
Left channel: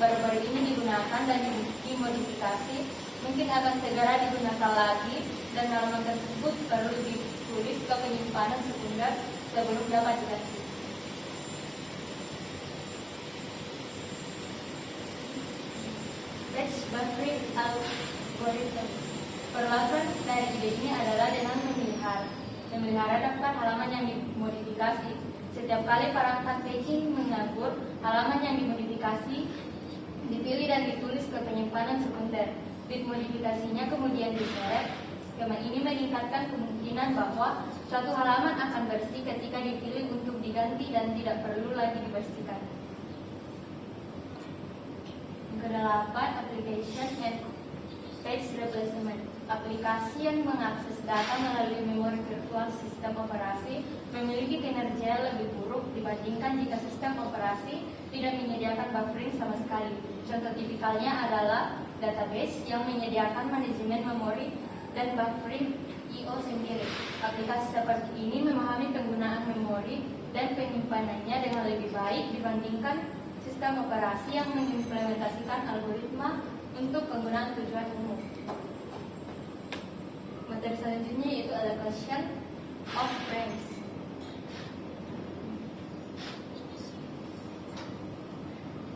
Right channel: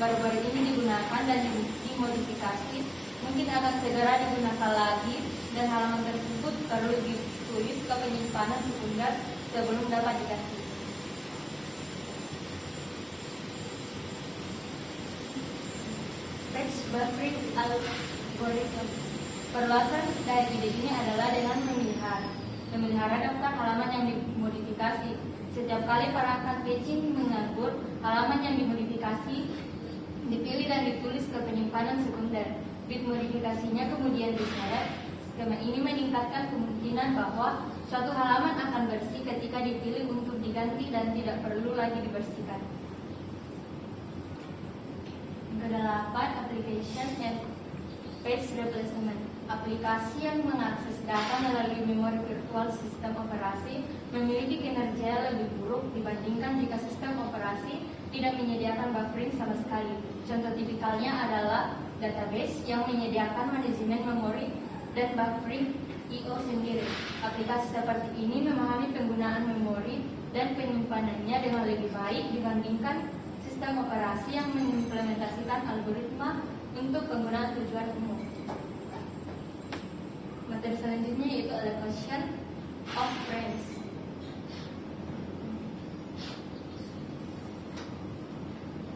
baru-baru ini digunakan dan dimodifikasi mungkin akan segera digunakan lagi dan halaman tersebut perlu ditulis ke penyimpanan sekunder sebelum dapat diganti. Text buffering algorithm. Perluasan dari ide ini adalah dengan memelihara daftar halaman yang dimodifikasi. Setiap kali perangkat paging menganggur, halaman yang dimodifikasi dipilih dan ditulis ke penyimpanan sekunder. Bit modifikasinya kemudian diseret. Skema ini meningkatkan kemungkinan bahwa suatu halaman akan bersih ketika dipilih untuk diganti dan tidak perlu lagi dibersihkan. Yang kedelapan, application and page replacement. Aplikasi yang mengakses data melalui memori virtual sistem operasi memiliki kinerja lebih buruk dibandingkan jika sistem operasi tidak menyediakan buffering sama sekali. Contoh tipikalnya adalah database yang menyediakan manajemen memori dan buffering I/O sendiri. Aplikasi seperti ini memahami penggunaan memori dan penyimpanannya dengan lebih baik dibandingkan sistem operasi yang mengimplementasikan algoritma untuk penggunaan tujuan umum. Materi selanjutnya yaitu allocation of frames.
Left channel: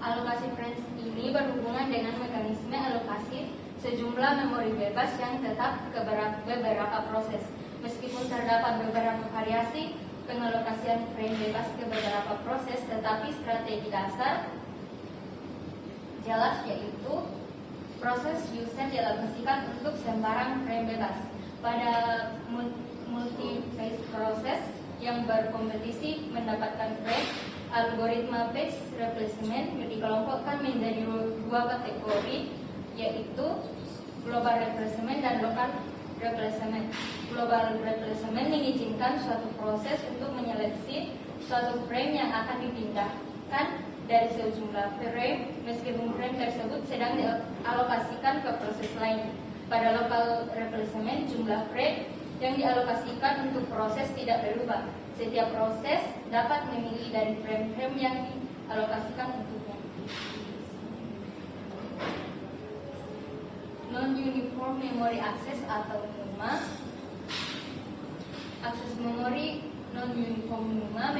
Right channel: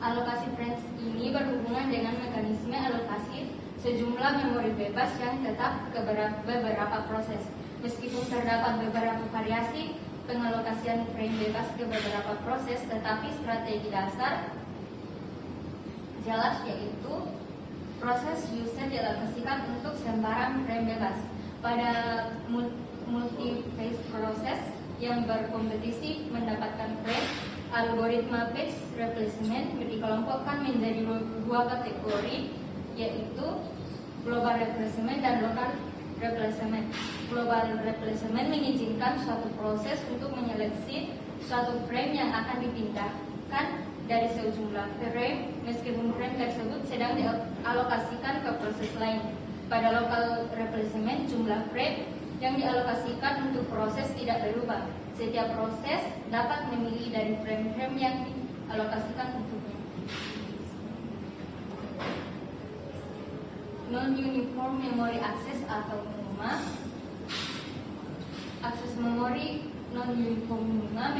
Alokasi frames ini berhubungan dengan mekanisme alokasi sejumlah memori bebas yang tetap ke beberapa proses. Meskipun terdapat beberapa variasi pengalokasian frame bebas ke beberapa proses, tetapi strategi dasar jelas yaitu proses user dialokasikan untuk sembarang frame bebas. Pada multi-phase proses yang berkompetisi mendapatkan frame, algoritma page replacement dikelompokkan menjadi dua kategori, yaitu global replacement dan local replacement. Global replacement mengizinkan suatu proses untuk menyeleksi suatu frame yang akan dipindahkan dari sejumlah frame meskipun frame tersebut sedang dialokasikan ke proses lain. Pada local replacement, jumlah frame yang dialokasikan untuk proses tidak berubah. Setiap proses dapat memilih dari frame-frame yang dialokasikan untuknya. Non-uniform memory access atau NUMA. Akses memori non-uniform NUMA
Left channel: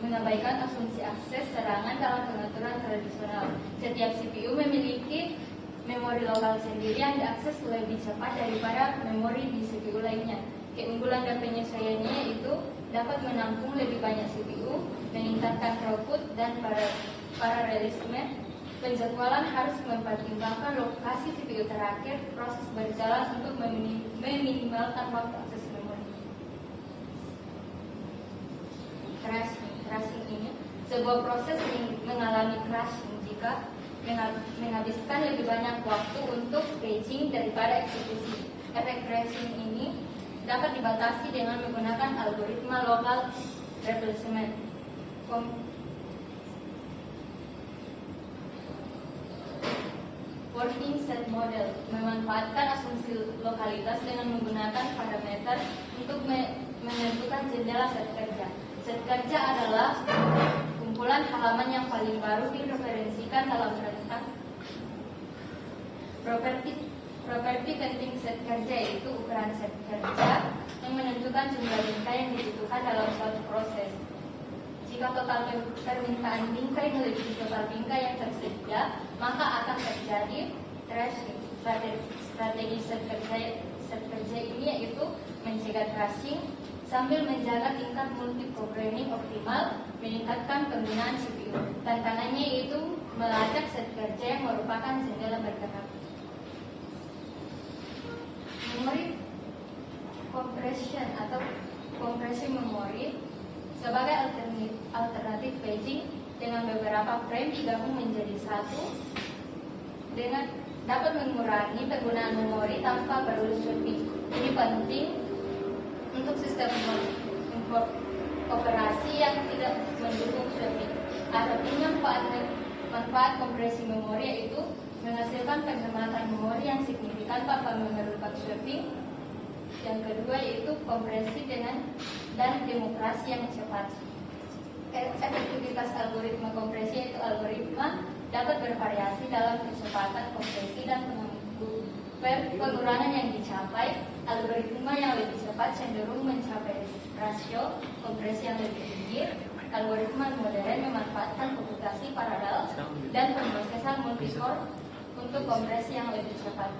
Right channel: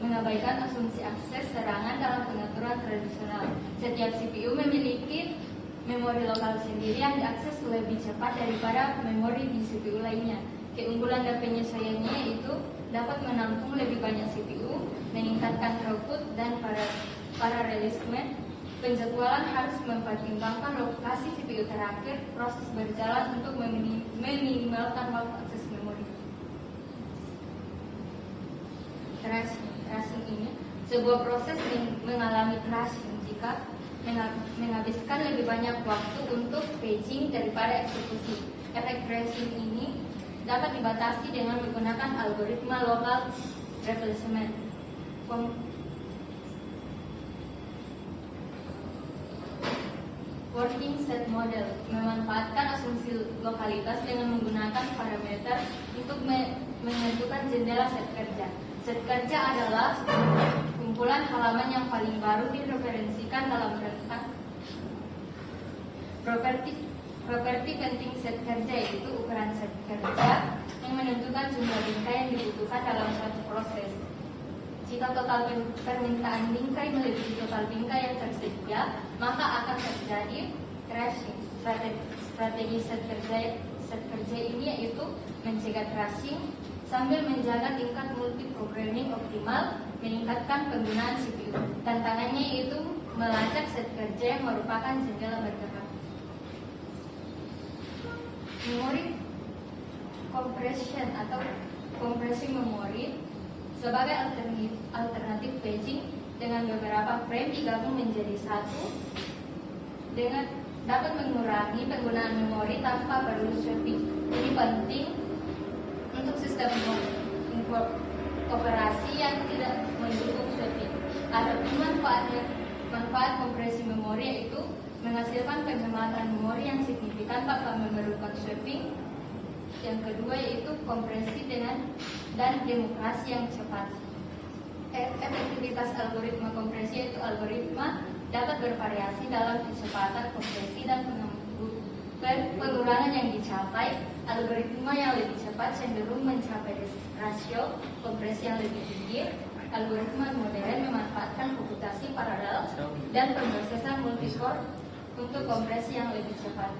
mengabaikan asumsi akses serangan dalam pengaturan tradisional. Setiap CPU memiliki memori lokal sendiri yang diakses lebih cepat daripada memori di CPU lainnya. Keunggulan dan penyesuaiannya yaitu dapat menampung lebih banyak CPU, meningkatkan throughput dan paralelisme. Penjadwalan harus mempertimbangkan lokasi CPU terakhir proses berjalan untuk meminimalkan waktu akses memori. Crashing ini sebuah proses mengalami crashing jika menghabiskan lebih banyak waktu untuk paging daripada eksekusi. Efek crashing ini dapat dibatasi dengan menggunakan algoritma local replacement. Working set model memanfaatkan asumsi lokalitas dengan menggunakan parameter untuk menentukan jendela set kerja. Set kerja adalah kumpulan halaman yang paling baru direferensikan dalam rangka properti penting set kerja, yaitu ukuran set kerja yang menentukan jumlah bingkai yang dibutuhkan dalam suatu proses. Jika total permintaan bingkai melebihi total bingkai yang tersedia, maka akan terjadi tracing. Strategi set kerja ini yaitu mencegah tracing sambil menjaga tingkat multi-programming optimal, meningkatkan penggunaan CPU. Tantangannya yaitu melacak set kerja yang merupakan jendela bertahap. Memori compression atau kompresi memori sebagai alternatif paging dengan beberapa frame digabung menjadi satu dengan dapat mengurangi penggunaan memori tanpa perlu swapping. Ini penting untuk sistem operasi yang tidak mendukung swapping. Adapun manfaat kompresi memori yaitu menghasilkan penghematan memori yang signifikan tanpa memerlukan swapping. Yang kedua yaitu kompresi dan demokrasi yang cepat. Efektivitas algoritma kompresi yaitu algoritma dapat bervariasi dalam kecepatan kompresi dan pengurangan yang dicapai. Algoritma yang lebih cepat cenderung mencapai rasio kompresi yang lebih tinggi. Algoritma modern memanfaatkan komputasi paralel dan pemrosesan multicore untuk kompresi yang lebih cepat.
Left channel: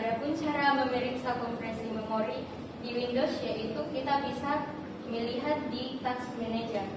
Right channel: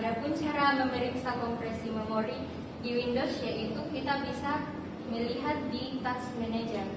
Adapun cara memeriksa kompresi memori di Windows yaitu kita bisa melihat di Task Manager.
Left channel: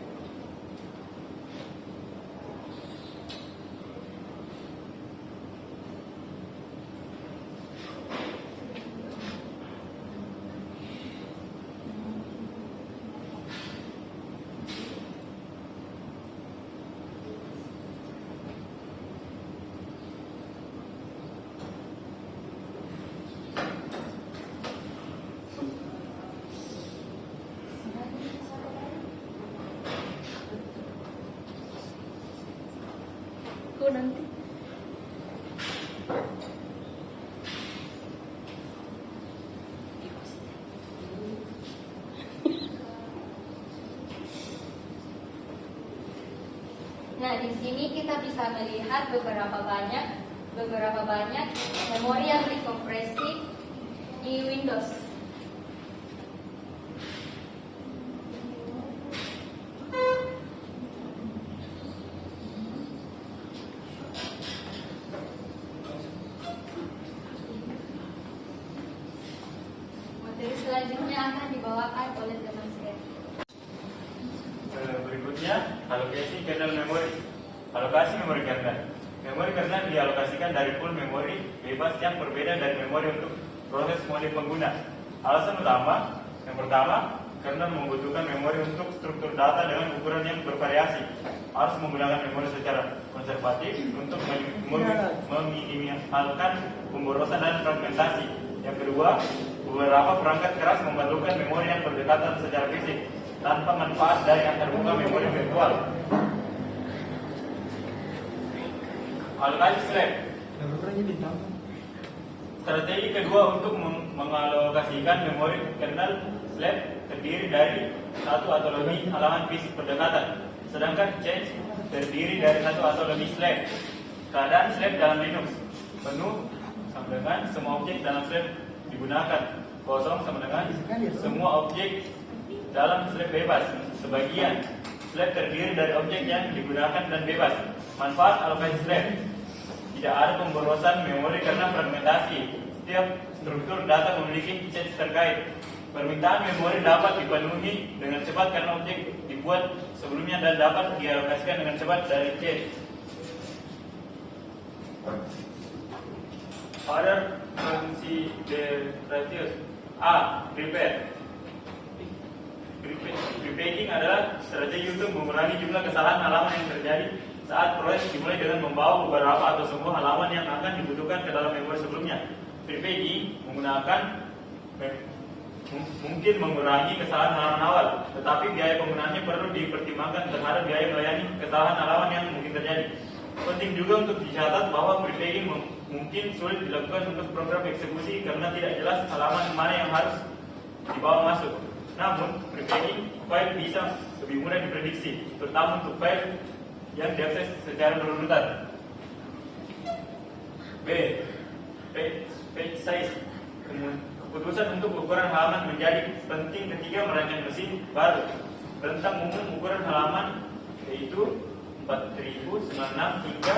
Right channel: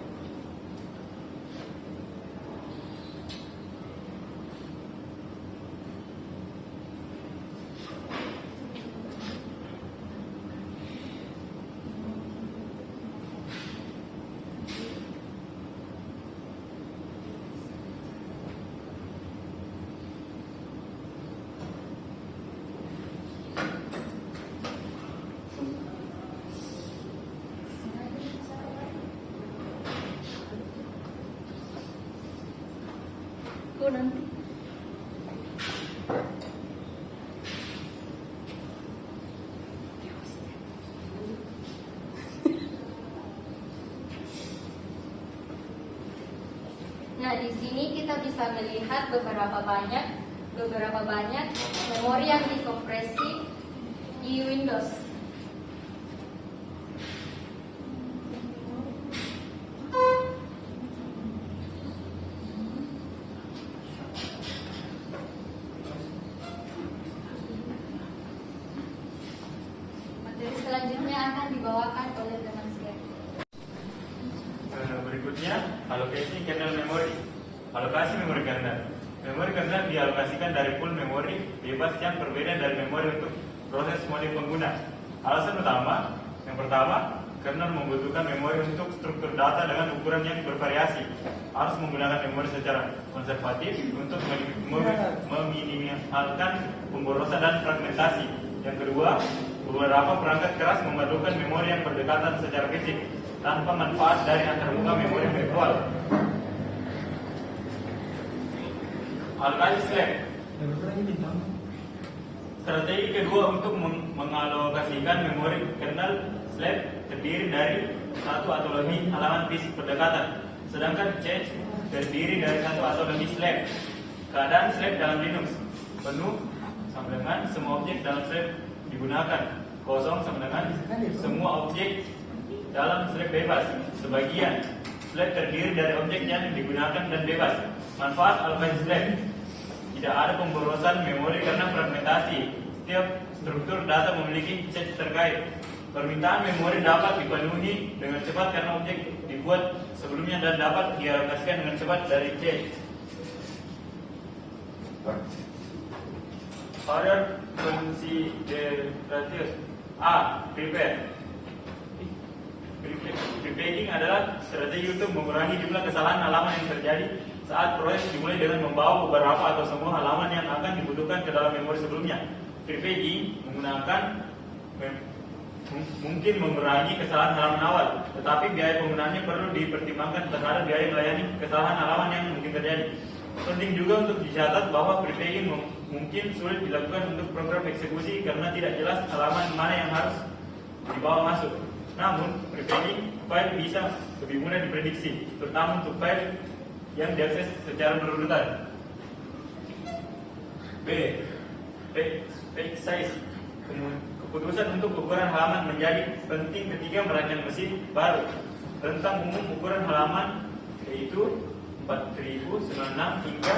Nanti nah di sini kita bisa melihat beberapa banyak memori yang dikompresi di Windows. Selanjutnya akan dibawakan oleh teman saya. Berikutnya, alokasi kernel memori. Alokasi memori kernel. Memori kernel dialokasikan dari pool memori bebas yang berbeda dari memori untuk proses mode pengguna. Alasan utama, yang pertama, kernel membutuhkan memori untuk struktur data dengan ukuran yang bervariasi. Harus menggunakan memori secara konservatif untuk meminimalkan pemborosan dan fragmentasi. Yang kedua, beberapa perangkat keras memerlukan memori yang berdekatan secara fisik tanpa manfaat dari antarmuka memori virtual. Alokasi SLAM. Strategi kedua untuk mengalokasikan memori kernel SLAM terdiri dari satu atau lebih halaman fisik berdekatan, sedangkan cache terdiri dari satu atau lebih SLAM. Keadaan SLAM dalam Linux penuh sama dengan semua objek dalam SLAM digunakan, kosong sama dengan semua objek dalam SLAM bebas. Sebagian SLAM terdiri dari objek yang digunakan dan bebas. Manfaat alokasi SLAM: tidak ada pemborosan memori karena fragmentasi. Setiap struktur data memiliki cache terkait. Permintaan memori dapat dipenuhi dengan cepat karena objek dibuat sebelumnya dan dapat dialokasikan dengan cepat dari cache. Other considerations. A. Prepare. Preparing adalah strategi untuk mengurangi jumlah kesalahan halaman yang terjadi saat proses dimulai dengan membawa beberapa atau semua halaman yang akan dibutuhkan ke dalam memori sebelumnya. Preparing mungkin mengurangi kesalahan halaman awal, tetapi biaya penggunaannya perlu dipertimbangkan terhadap biaya melayani kesalahan halaman yang mungkin terjadi. Penting juga untuk dicatat bahwa preparing mungkin sulit dilakukan untuk program eksekusi karena tidak jelas halaman mana yang harus dibawa masuk. Namun, preparing file bisa lebih mudah diprediksi, terutama untuk file yang diakses secara berurutan. B. Page size. Keputusan untuk ukuran halaman menjadi penting ketika merancang mesin baru. Rentang umum ukuran halaman yaitu 4096 hingga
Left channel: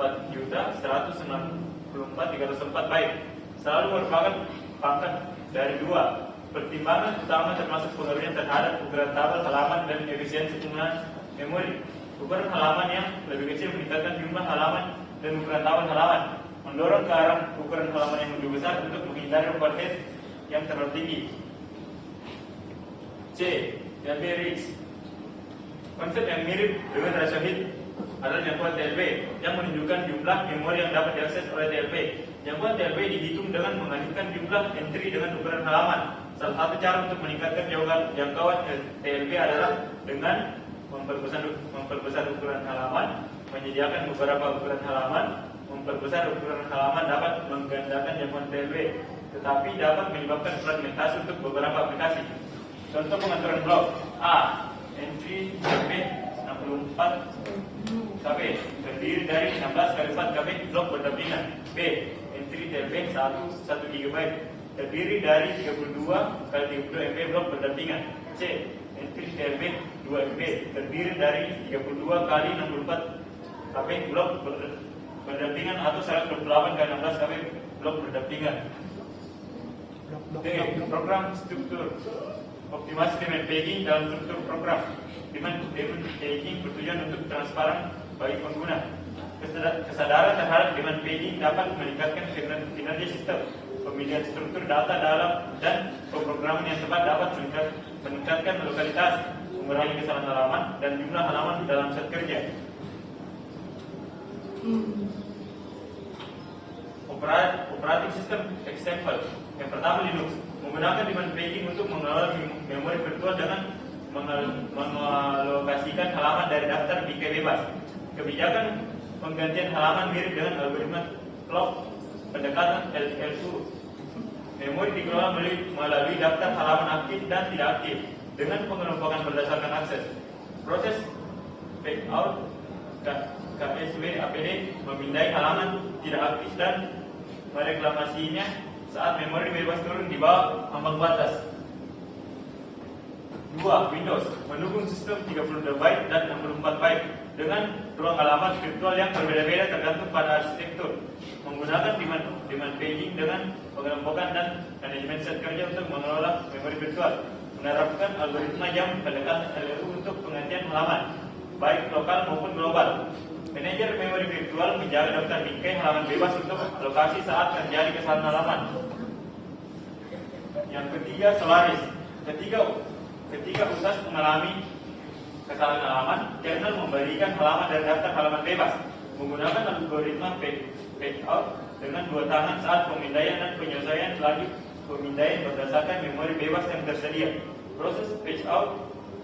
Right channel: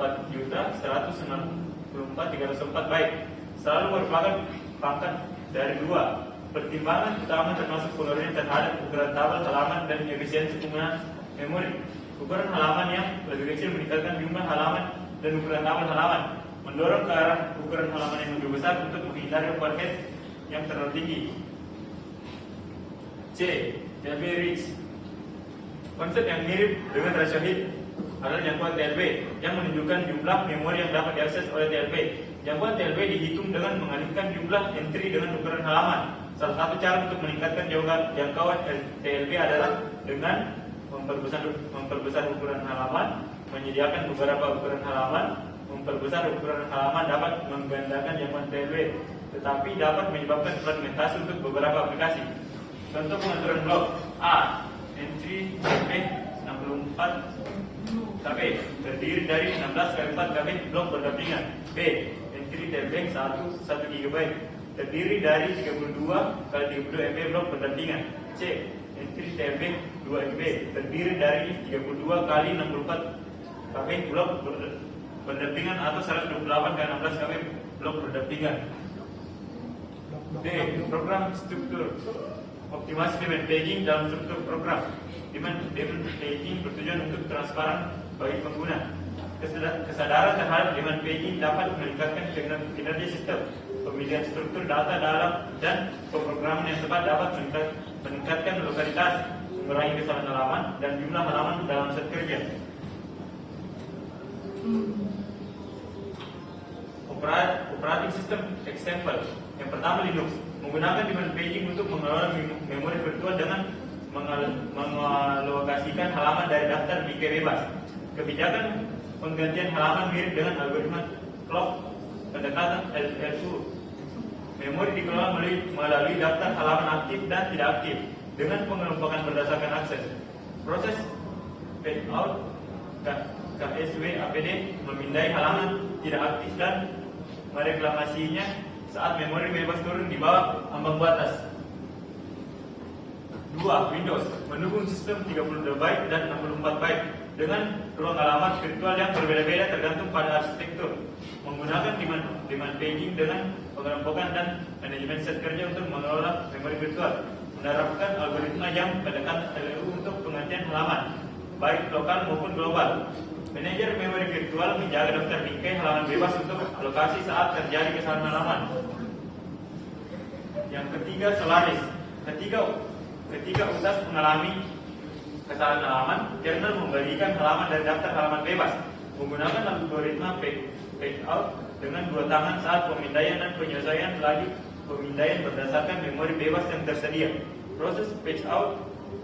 4.194.304 byte. Selalu merupakan pangkat dari 2. Pertimbangan utama termasuk pengaruhnya terhadap ukuran tabel halaman dan efisiensi penggunaan memori. Ukuran halaman yang lebih kecil meningkatkan jumlah halaman dan ukuran tabel halaman, mendorong ke arah ukuran halaman yang lebih besar untuk menghindari overhead yang terlalu tinggi. C. TLB reach. Konsep yang mirip dengan rasio hit adalah jangkauan TLB yang menunjukkan jumlah memori yang dapat diakses oleh TLB. Jangkauan TLB dihitung dengan mengalihkan jumlah entry dengan ukuran halaman. Salah satu cara untuk meningkatkan jangkauan TLB adalah dengan memperbesar ukuran halaman, menyediakan beberapa ukuran halaman. Memperbesar ukuran halaman dapat menggandakan jangkauan TLB, tetapi dapat menyebabkan fragmentasi untuk beberapa aplikasi. Contoh pengaturan blok: A. Entry KB 64 KB terdiri dari 16 kali 4 KB blok berdampingan. B. Entry TLB 1 GB terdiri dari 32 kali 32 MB blok berdampingan. C. Entry TLB 2 MB terdiri dari 32 kali 64 KB blok berdampingan atau 128 kali 16 KB blok berdampingan. D. Program struktur. Optimasi demand tagging dalam struktur program. Demand tagging bertujuan untuk transparan bagi pengguna. Kesadaran terhadap demand tagging dapat meningkatkan kinerja sistem. Pemilihan struktur data dalam dan pemrograman yang tepat dapat meningkatkan lokalitas, mengurangi kesalahan halaman dan jumlah halaman dalam set kerja. Operating system example. Yang pertama, Linux menggunakan demand tagging untuk mengelola memori virtual dengan mengalokasikan halaman dari daftar DK bebas. Kebijakan penggantian halaman mirip dengan algoritma clock pendekatan LL2. Memori dikelola melalui daftar halaman aktif dan tidak aktif dengan pengelompokan berdasarkan akses. Proses page out KSW APD memindai halaman tidak aktif dan mereklamasinya saat memori bebas turun di bawah ambang batas. 2. Windows mendukung sistem 32 byte dan 64 byte dengan ruang alamat virtual yang berbeda-beda tergantung pada arsitektur. Menggunakan demand tagging dengan pengelompokan dan manajemen set kerja untuk mengelola memori virtual. Menerapkan algoritma yang pendekatan LLU untuk penggantian halaman, baik lokal maupun global. Manajer memori virtual menjaga daftar bingkai halaman bebas untuk alokasi saat terjadi kesalahan halaman. Yang ketiga, Solaris. Ketika utas mengalami kesalahan halaman, kernel membalikan halaman dari daftar halaman bebas menggunakan algoritma page out dengan 2 tangan saat pemindaian dan penyesuaian lagi pemindaian berdasarkan memori bebas yang tersedia. Proses page out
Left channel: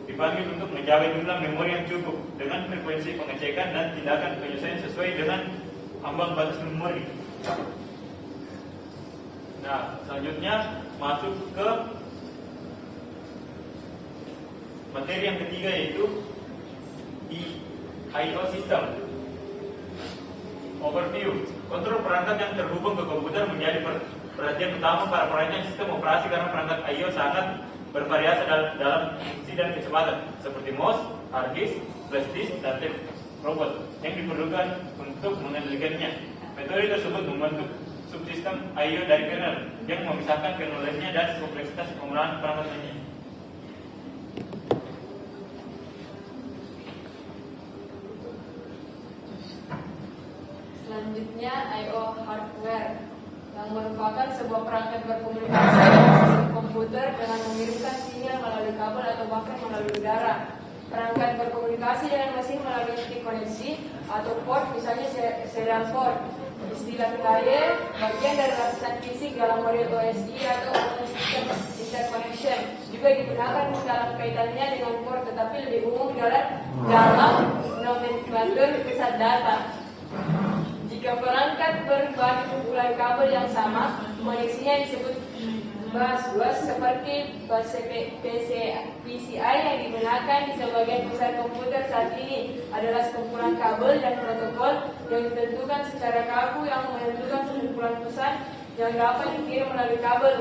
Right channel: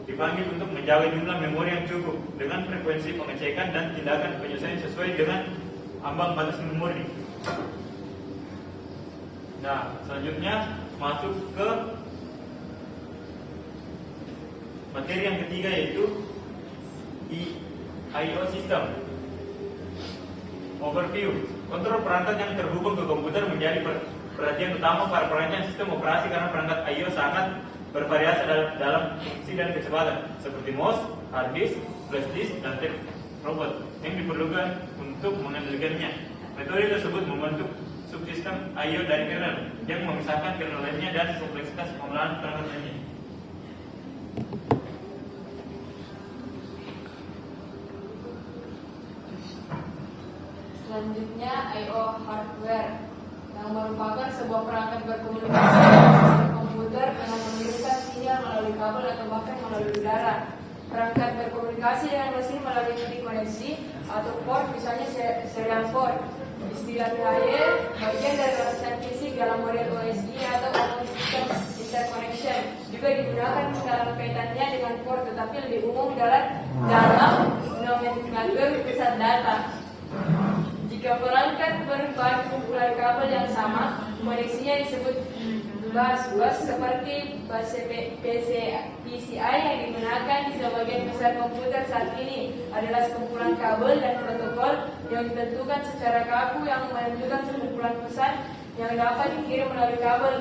dipanggil untuk menjaga jumlah memori yang cukup dengan frekuensi pengecekan dan tindakan penyesuaian sesuai dengan ambang batas memori. Nah, selanjutnya masuk ke materi yang ketiga, yaitu I/O system. Overview. Kontrol perangkat yang terhubung ke komputer menjadi perhatian utama para perancang sistem operasi karena perangkat I/O sangat bervariasi dalam fungsi dan kecepatan, seperti mouse, hard disk, flash disk, dan tape robot yang diperlukan untuk mengendalikannya. Metode tersebut membentuk subsistem I/O dari kernel yang memisahkan kernel lainnya dan kompleksitas pengolahan perangkat lainnya. Selanjutnya, I/O hardware yang merupakan sebuah perangkat berkomunikasi dengan komputer dengan mengirimkan sinyal melalui kabel atau bahkan melalui udara. Perangkat berkomunikasi dengan mesin melalui titik koneksi atau port, misalnya serial port. Istilah lain bagian dari lapisan fisik dalam model OSI atau Open System Interconnection juga digunakan dalam kaitannya dengan port, tetapi lebih umum dalam nomenklatur pusat data. Jika perangkat berbahan kumpulan kabel yang sama, koneksinya disebut bus seperti bus PCI yang digunakan di sebagian besar komputer saat ini adalah sekumpulan kabel dan protokol yang ditentukan secara kaku yang menentukan sekumpulan pesan yang dapat dikirim melalui kabel.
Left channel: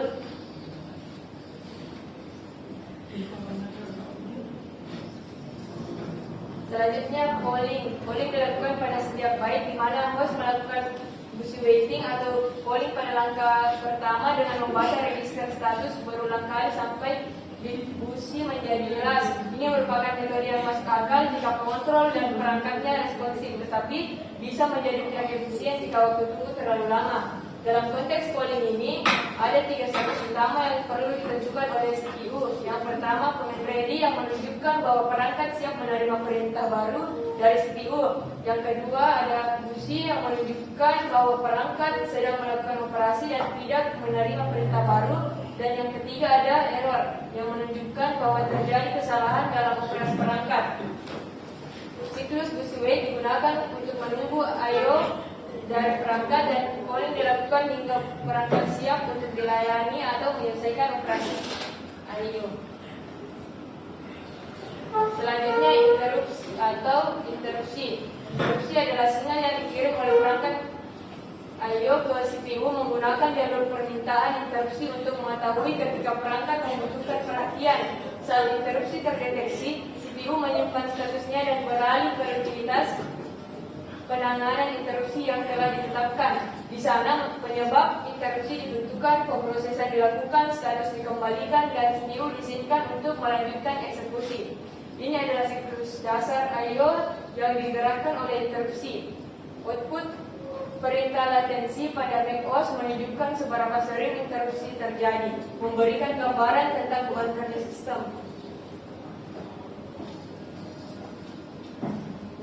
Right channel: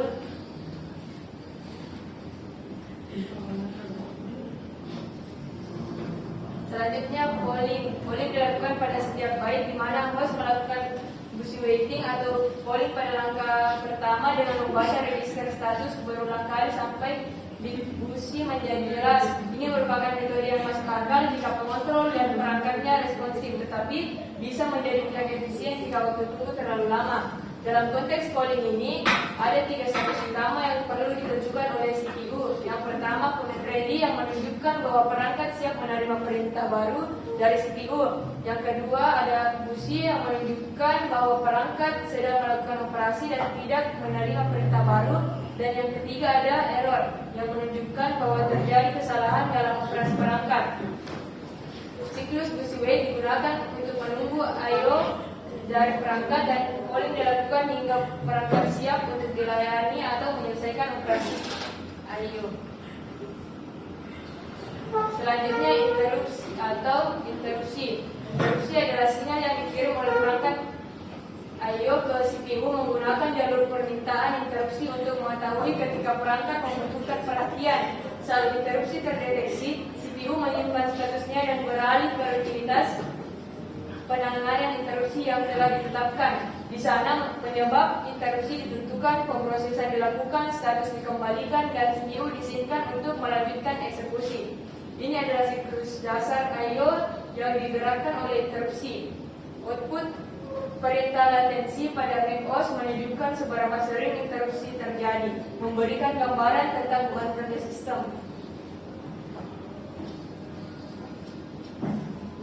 Selanjutnya, polling dilakukan pada setiap byte di mana host melakukan busy waiting atau polling pada langkah pertama dengan membaca register status berulang kali sampai distribusi menjadi jelas. Ini merupakan metode yang masuk akal jika pengontrol dan perangkatnya responsif, tetapi bisa menjadi tidak efisien jika waktu tunggu terlalu lama. Dalam konteks polling ini, ada 3 status utama yang perlu ditentukan oleh CPU. Yang pertama, ready yang menunjukkan bahwa perangkat siap menerima perintah baru dari CPU. Yang kedua, ada busy yang menunjukkan bahwa perangkat sedang melakukan operasi dan tidak menerima perintah baru. Dan yang ketiga, ada error yang menunjukkan bahwa terjadi kesalahan dalam operasi perangkat. Siklus busy wait digunakan untuk menunggu I/O dari perangkat dan polling dilakukan hingga perangkat siap untuk dilayani atau menyelesaikan operasi I/O. Selanjutnya, interupsi atau interupsi. Interupsi adalah sinyal yang dikirim oleh perangkat I/O ke CPU menggunakan jalur permintaan interupsi untuk mengetahui ketika perangkat membutuhkan perhatian. Saat interupsi terdeteksi, CPU menyimpan statusnya dan beralih ke rutinitas penanganan interupsi yang telah ditetapkan. Di sana, penyebab interupsi ditentukan, pemrosesan dilakukan, status dikembalikan, dan CPU disimpan untuk melanjutkan eksekusi. Ini adalah siklus dasar I/O yang digerakkan oleh interupsi. Output perintah latensi pada macOS menunjukkan seberapa sering interupsi terjadi, memberikan gambaran tentang beban kerja sistem.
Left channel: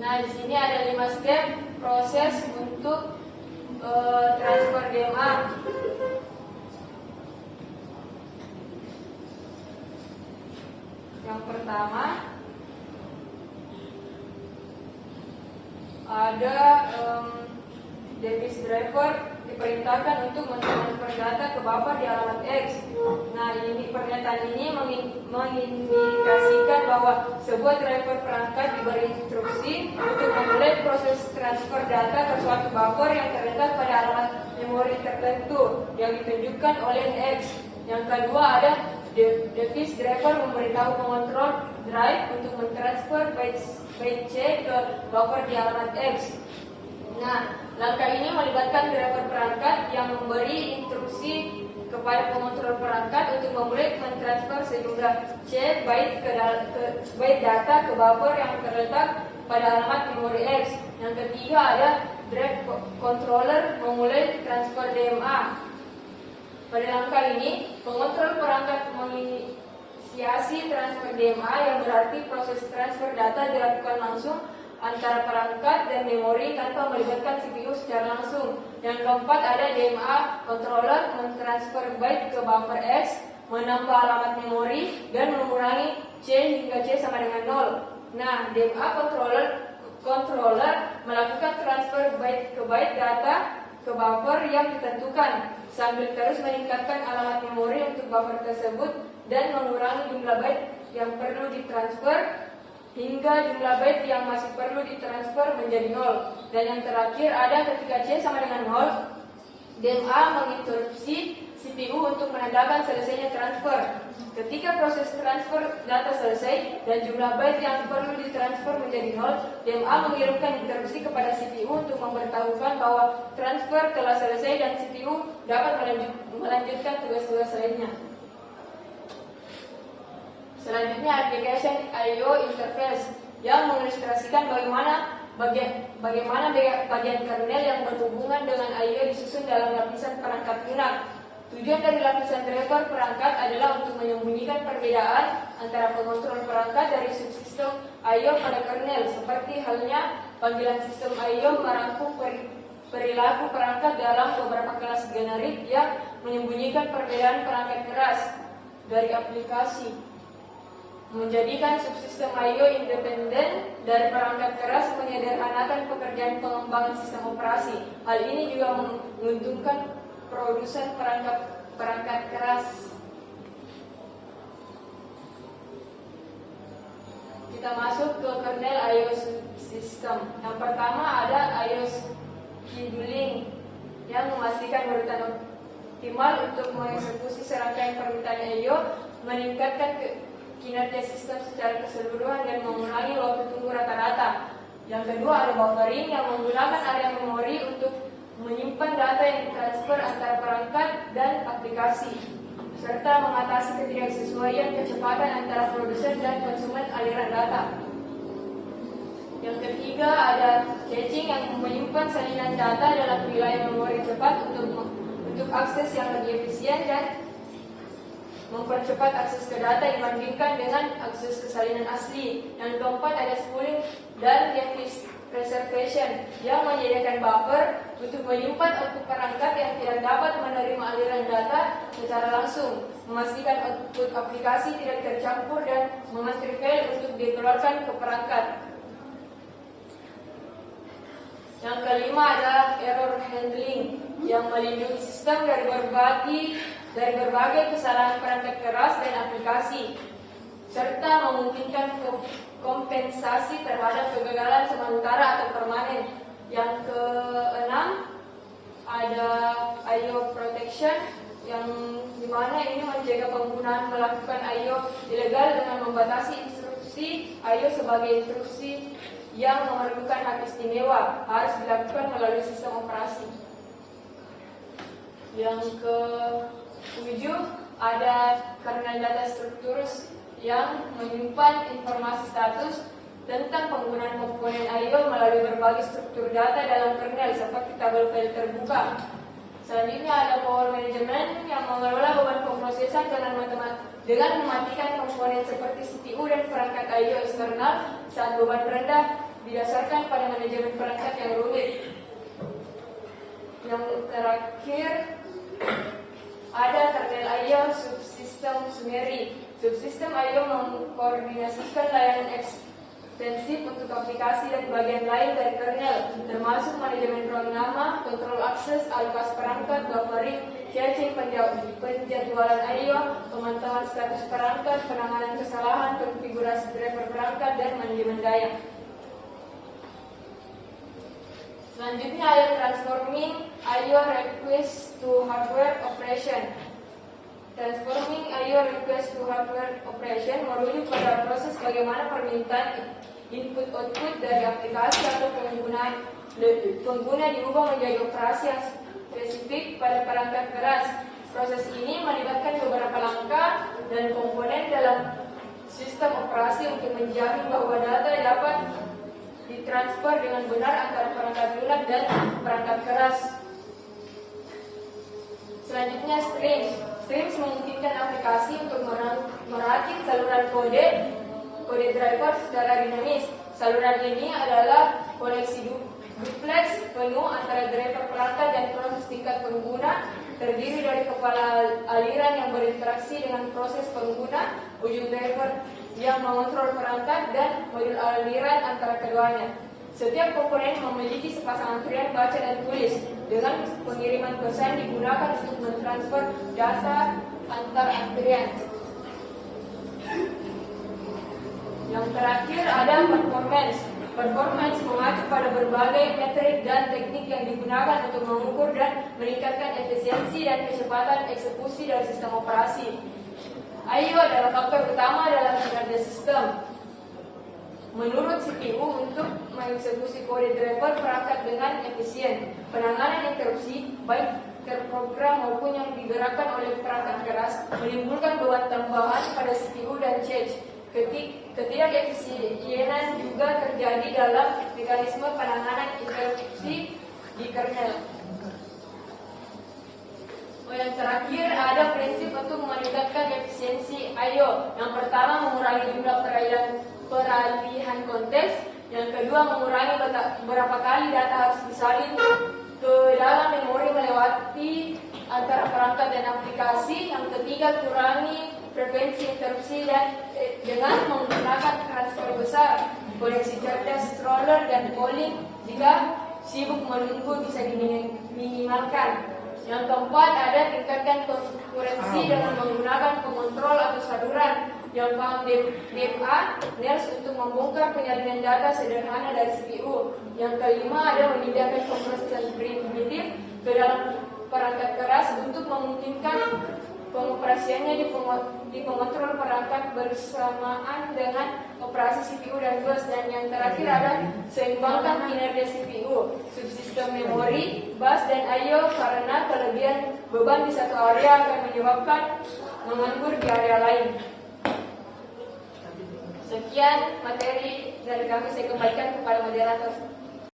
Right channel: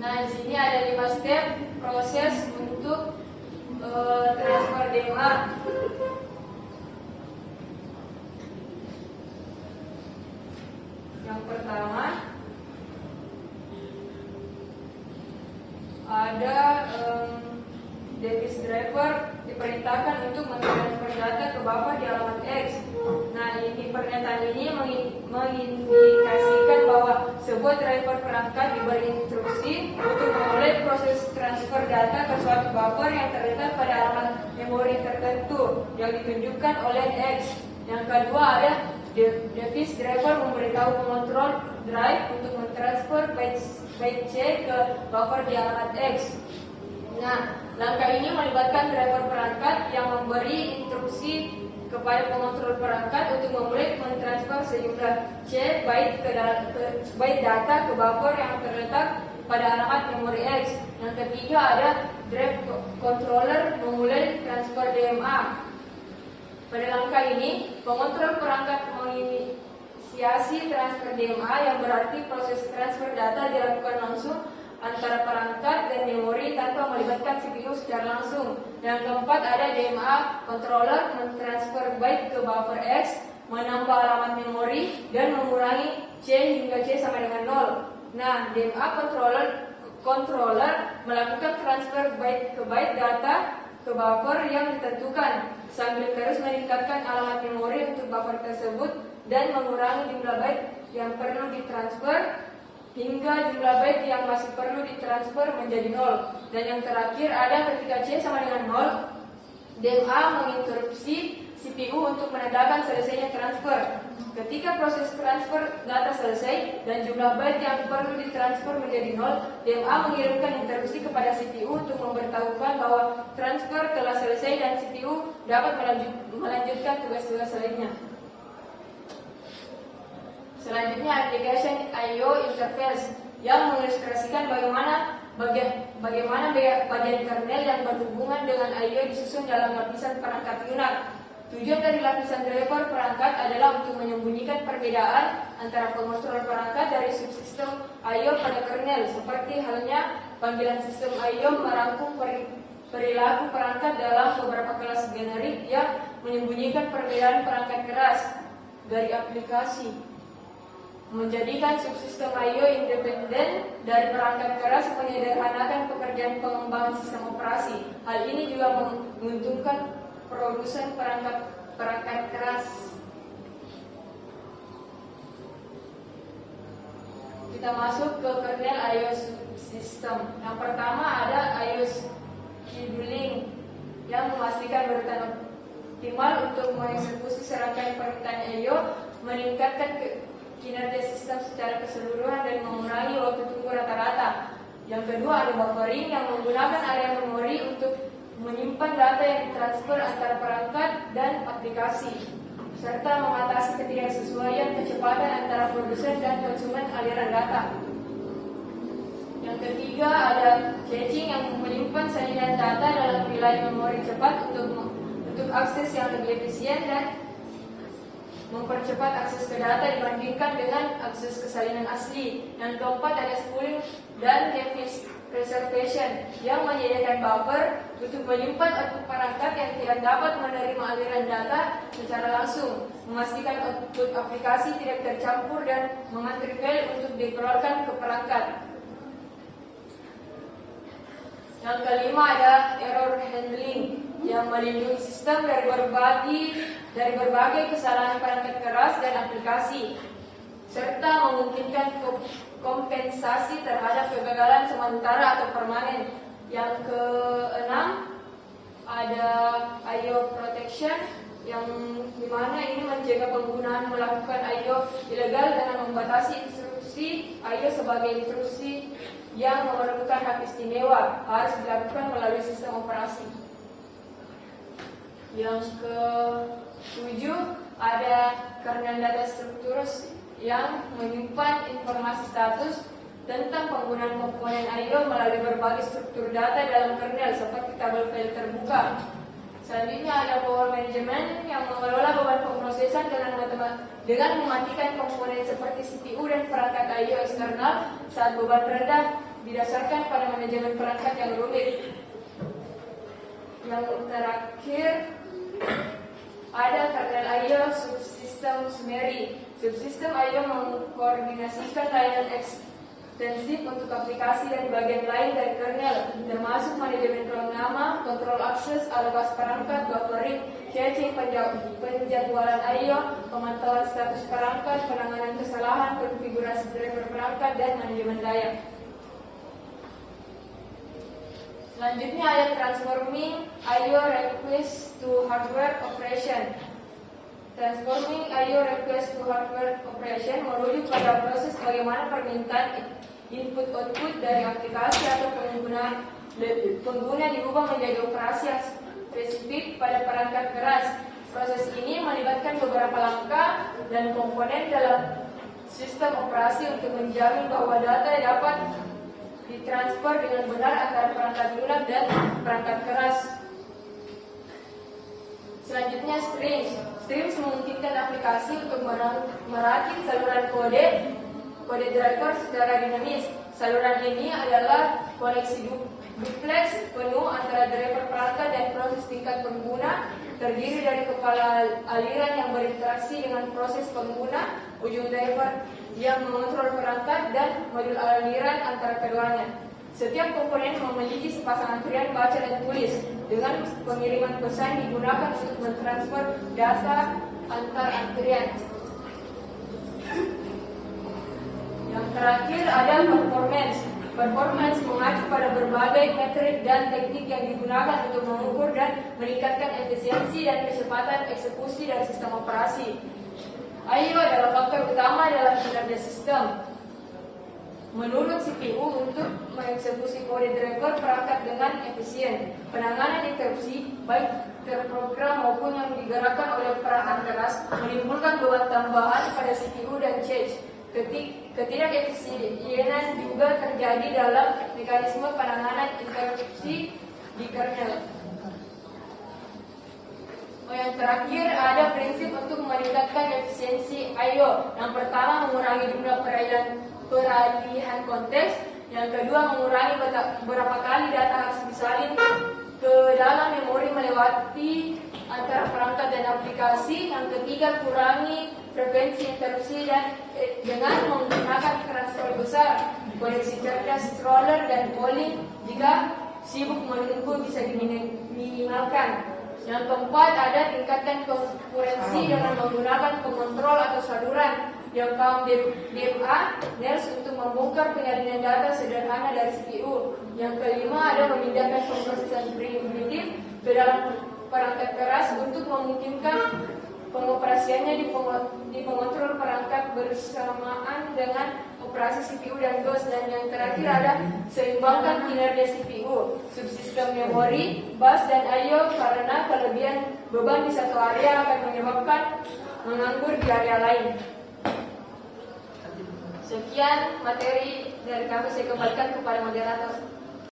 Nah, di sini ada 5 step proses untuk transfer DMA. Yang pertama ada device driver diperintahkan untuk mentransfer data ke buffer di alamat X. Nah, ini pernyataan ini mengindikasikan bahwa sebuah driver perangkat diberi instruksi untuk memulai proses transfer data ke suatu buffer yang terletak pada alamat memori tertentu yang ditunjukkan oleh X. Yang kedua ada device driver memberitahu pengontrol drive untuk mentransfer byte C ke buffer di alamat X. Nah, langkah ini melibatkan driver perangkat yang memberi instruksi kepada pengontrol perangkat untuk memulai mentransfer sejumlah C byte data ke buffer yang terletak pada alamat memori X. Yang ketiga ada drive controller memulai transfer DMA. Pada langkah ini, pengontrol perangkat menginisiasi transfer DMA yang berarti proses transfer data dilakukan langsung antara perangkat dan memori tanpa melibatkan CPU secara langsung. Yang keempat ada DMA controller mentransfer byte ke buffer X, menambah alamat memori dan mengurangi C hingga C sama dengan 0. Nah, DMA controller melakukan transfer byte ke byte data ke buffer yang ditentukan sambil terus meningkatkan alamat memori untuk buffer tersebut dan mengurangi jumlah byte yang perlu ditransfer hingga jumlah byte yang masih perlu ditransfer menjadi 0. Dan yang terakhir ada ketika C sama dengan 0, DMA menginterupsi CPU untuk menandakan selesainya transfer. Ketika proses transfer data selesai dan jumlah byte yang perlu ditransfer menjadi 0, DMA mengirimkan interupsi kepada CPU untuk memberitahukan bahwa transfer telah selesai dan CPU dapat melanjutkan tugas-tugas lainnya. Selanjutnya application I/O interface yang mengilustrasikan bagaimana bagian kernel yang berhubungan dengan I/O disusun dalam lapisan perangkat lunak. Tujuan dari lapisan driver perangkat adalah untuk menyembunyikan perbedaan antara pengontrol perangkat dari subsistem I/O pada kernel, seperti halnya panggilan sistem I/O merangkum perilaku perangkat dalam beberapa kelas generik yang menyembunyikan perbedaan perangkat keras dari aplikasi. Menjadikan subsistem I/O independen dari perangkat keras menyederhanakan pekerjaan pengembangan sistem operasi. Hal ini juga menguntungkan produsen perangkat keras. Kita masuk ke kernel iOS system. Yang pertama ada iOS scheduling yang memastikan bertanda optimal untuk mengeksekusi serangkaian permintaan IO, meningkatkan kinerja sistem secara keseluruhan dan mengurangi waktu tunggu rata-rata. Yang kedua ada buffering yang menggunakan area memori untuk menyimpan data yang ditransfer antara perangkat dan aplikasi, serta mengatasi ketidaksesuaian kecepatan antara produsen dan konsumen aliran data. Yang ketiga ada caching yang menyimpan salinan data dalam wilayah memori cepat untuk akses yang lebih efisien dan mempercepat akses ke data dibandingkan dengan akses ke salinan asli. Yang keempat ada spooling dan reservation yang menyediakan buffer untuk menyimpan output perangkat yang tidak dapat menerima aliran data secara langsung, memastikan output aplikasi tidak tercampur dan mengatur file untuk dikeluarkan ke perangkat. Yang kelima ada error handling yang melindungi sistem dari berbagai kesalahan perangkat keras dan aplikasi, serta memungkinkan kompensasi terhadap kegagalan sementara atau permanen. Yang keenam ada IO protection yang dimana ini menjaga penggunaan melakukan IO ilegal dengan membatasi instruksi IO sebagai instruksi yang memerlukan hak istimewa harus dilakukan melalui sistem operasi. Yang ke-7 ada kernel data structures yang menyimpan informasi status tentang penggunaan komponen IO melalui berbagai struktur data dalam kernel seperti tabel file terbuka. Selanjutnya ada power management yang mengelola beban pemrosesan dengan mematikan komponen seperti CPU dan perangkat IO eksternal saat beban rendah didasarkan pada manajemen perangkat yang rumit. Yang terakhir ada kernel IO subsystem summary. Subsistem IO mengkoordinasikan layanan ekstensif untuk aplikasi dan bagian lain dari kernel, termasuk manajemen ruang nama, kontrol akses, alokasi perangkat, buffering, caching, penjadwalan IO, pemantauan status perangkat, penanganan kesalahan, konfigurasi driver perangkat, dan manajemen daya. Selanjutnya ada transforming IO request to hardware operation. Transforming IO request to hardware operation merujuk pada proses bagaimana permintaan input-output dari aplikasi atau pengguna diubah menjadi operasi yang spesifik pada perangkat keras. Proses ini melibatkan beberapa langkah dan komponen dalam sistem operasi untuk menjamin bahwa data dapat ditransfer dengan benar antara perangkat lunak dan perangkat keras. Selanjutnya streams. Streams memungkinkan aplikasi untuk merakit saluran kode driver secara dinamis. Saluran ini adalah koneksi duplex penuh antara driver perangkat dan proses tingkat pengguna, terdiri dari kepala aliran yang berinteraksi dengan proses pengguna, ujung driver yang mengontrol perangkat, dan modul aliran antara keduanya. Setiap komponen memiliki sepasang antrian baca dan tulis. Dengan pengiriman pesan digunakan untuk mentransfer data antar antrian. Yang terakhir ada performance. Performance mengacu pada berbagai metrik dan teknik yang digunakan untuk mengukur dan meningkatkan efisiensi dan kecepatan eksekusi dari sistem operasi. IO adalah faktor utama dalam kinerja sistem. Menurut CPU, untuk mengeksekusi kode driver perangkat dengan efisien, penanganan interupsi baik terprogram maupun yang digerakkan oleh perangkat keras menimbulkan beban tambahan pada CPU dan cache. Ketidakefisienan juga terjadi dalam mekanisme penanganan interupsi di kernel. Yang terakhir ada prinsip untuk meningkatkan efisiensi IO. Yang pertama, mengurangi jumlah peralihan konteks. Yang kedua, mengurangi berapa kali data harus disalin ke dalam memori melewati antara perangkat dan aplikasi. Yang ketiga, kurangi frekuensi interupsi dan dengan menggunakan transfer besar, koneksi cerdas, stroller, dan polling. Jika sibuk menunggu bisa diminimalkan. Yang keempat ada tingkatkan konkurensi dengan menggunakan pengontrol atau saluran Yang paham DMA, NERS untuk membongkar penyaringan data sederhana dari CPU. Yang kelima ada memindahkan pemrosesan primitif ke dalam perangkat keras untuk memungkinkan pengoperasiannya di pengontrol perangkat bersamaan dengan operasi CPU dan BIOS. Dan yang terakhir ada seimbangkan kinerja CPU, subsistem memori, bus dan I/O karena kelebihan beban di satu area akan menyebabkan menganggur di area lain. Sekian materi dari kami, saya kembalikan kepada moderator.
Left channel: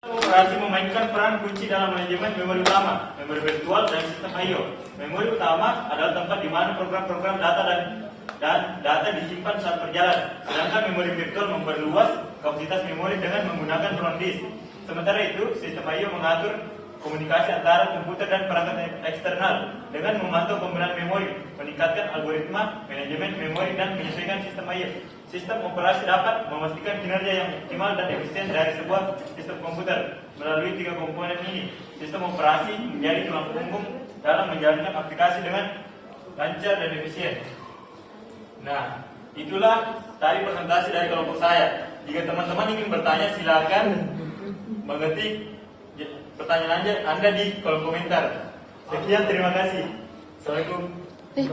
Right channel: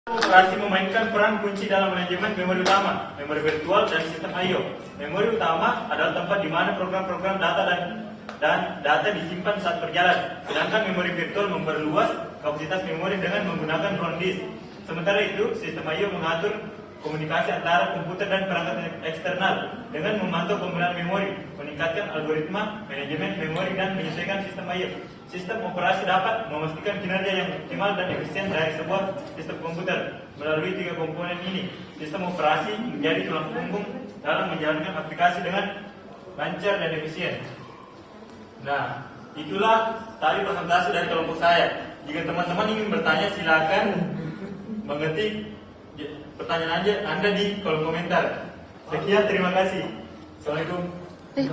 Operasi memainkan peran kunci dalam manajemen memori utama, memori virtual, dan sistem I/O. Memori utama adalah tempat di mana program-program data dan data disimpan saat berjalan. Sedangkan memori virtual memperluas kapasitas memori dengan menggunakan ruang disk. Sementara itu, sistem I/O mengatur komunikasi antara komputer dan perangkat eksternal dengan memantau penggunaan memori, meningkatkan algoritma manajemen memori, dan menyesuaikan sistem I/O. Sistem operasi dapat memastikan kinerja yang optimal dan efisien dari sebuah sistem komputer melalui 3 komponen ini. Sistem operasi menjadi tulang punggung dalam menjalankan aplikasi dengan lancar dan efisien. Nah, itulah tadi presentasi dari kelompok saya. Jika teman-teman ingin bertanya, silakan mengetik pertanyaan Anda di kolom komentar. Sekian, terima kasih. Assalamualaikum.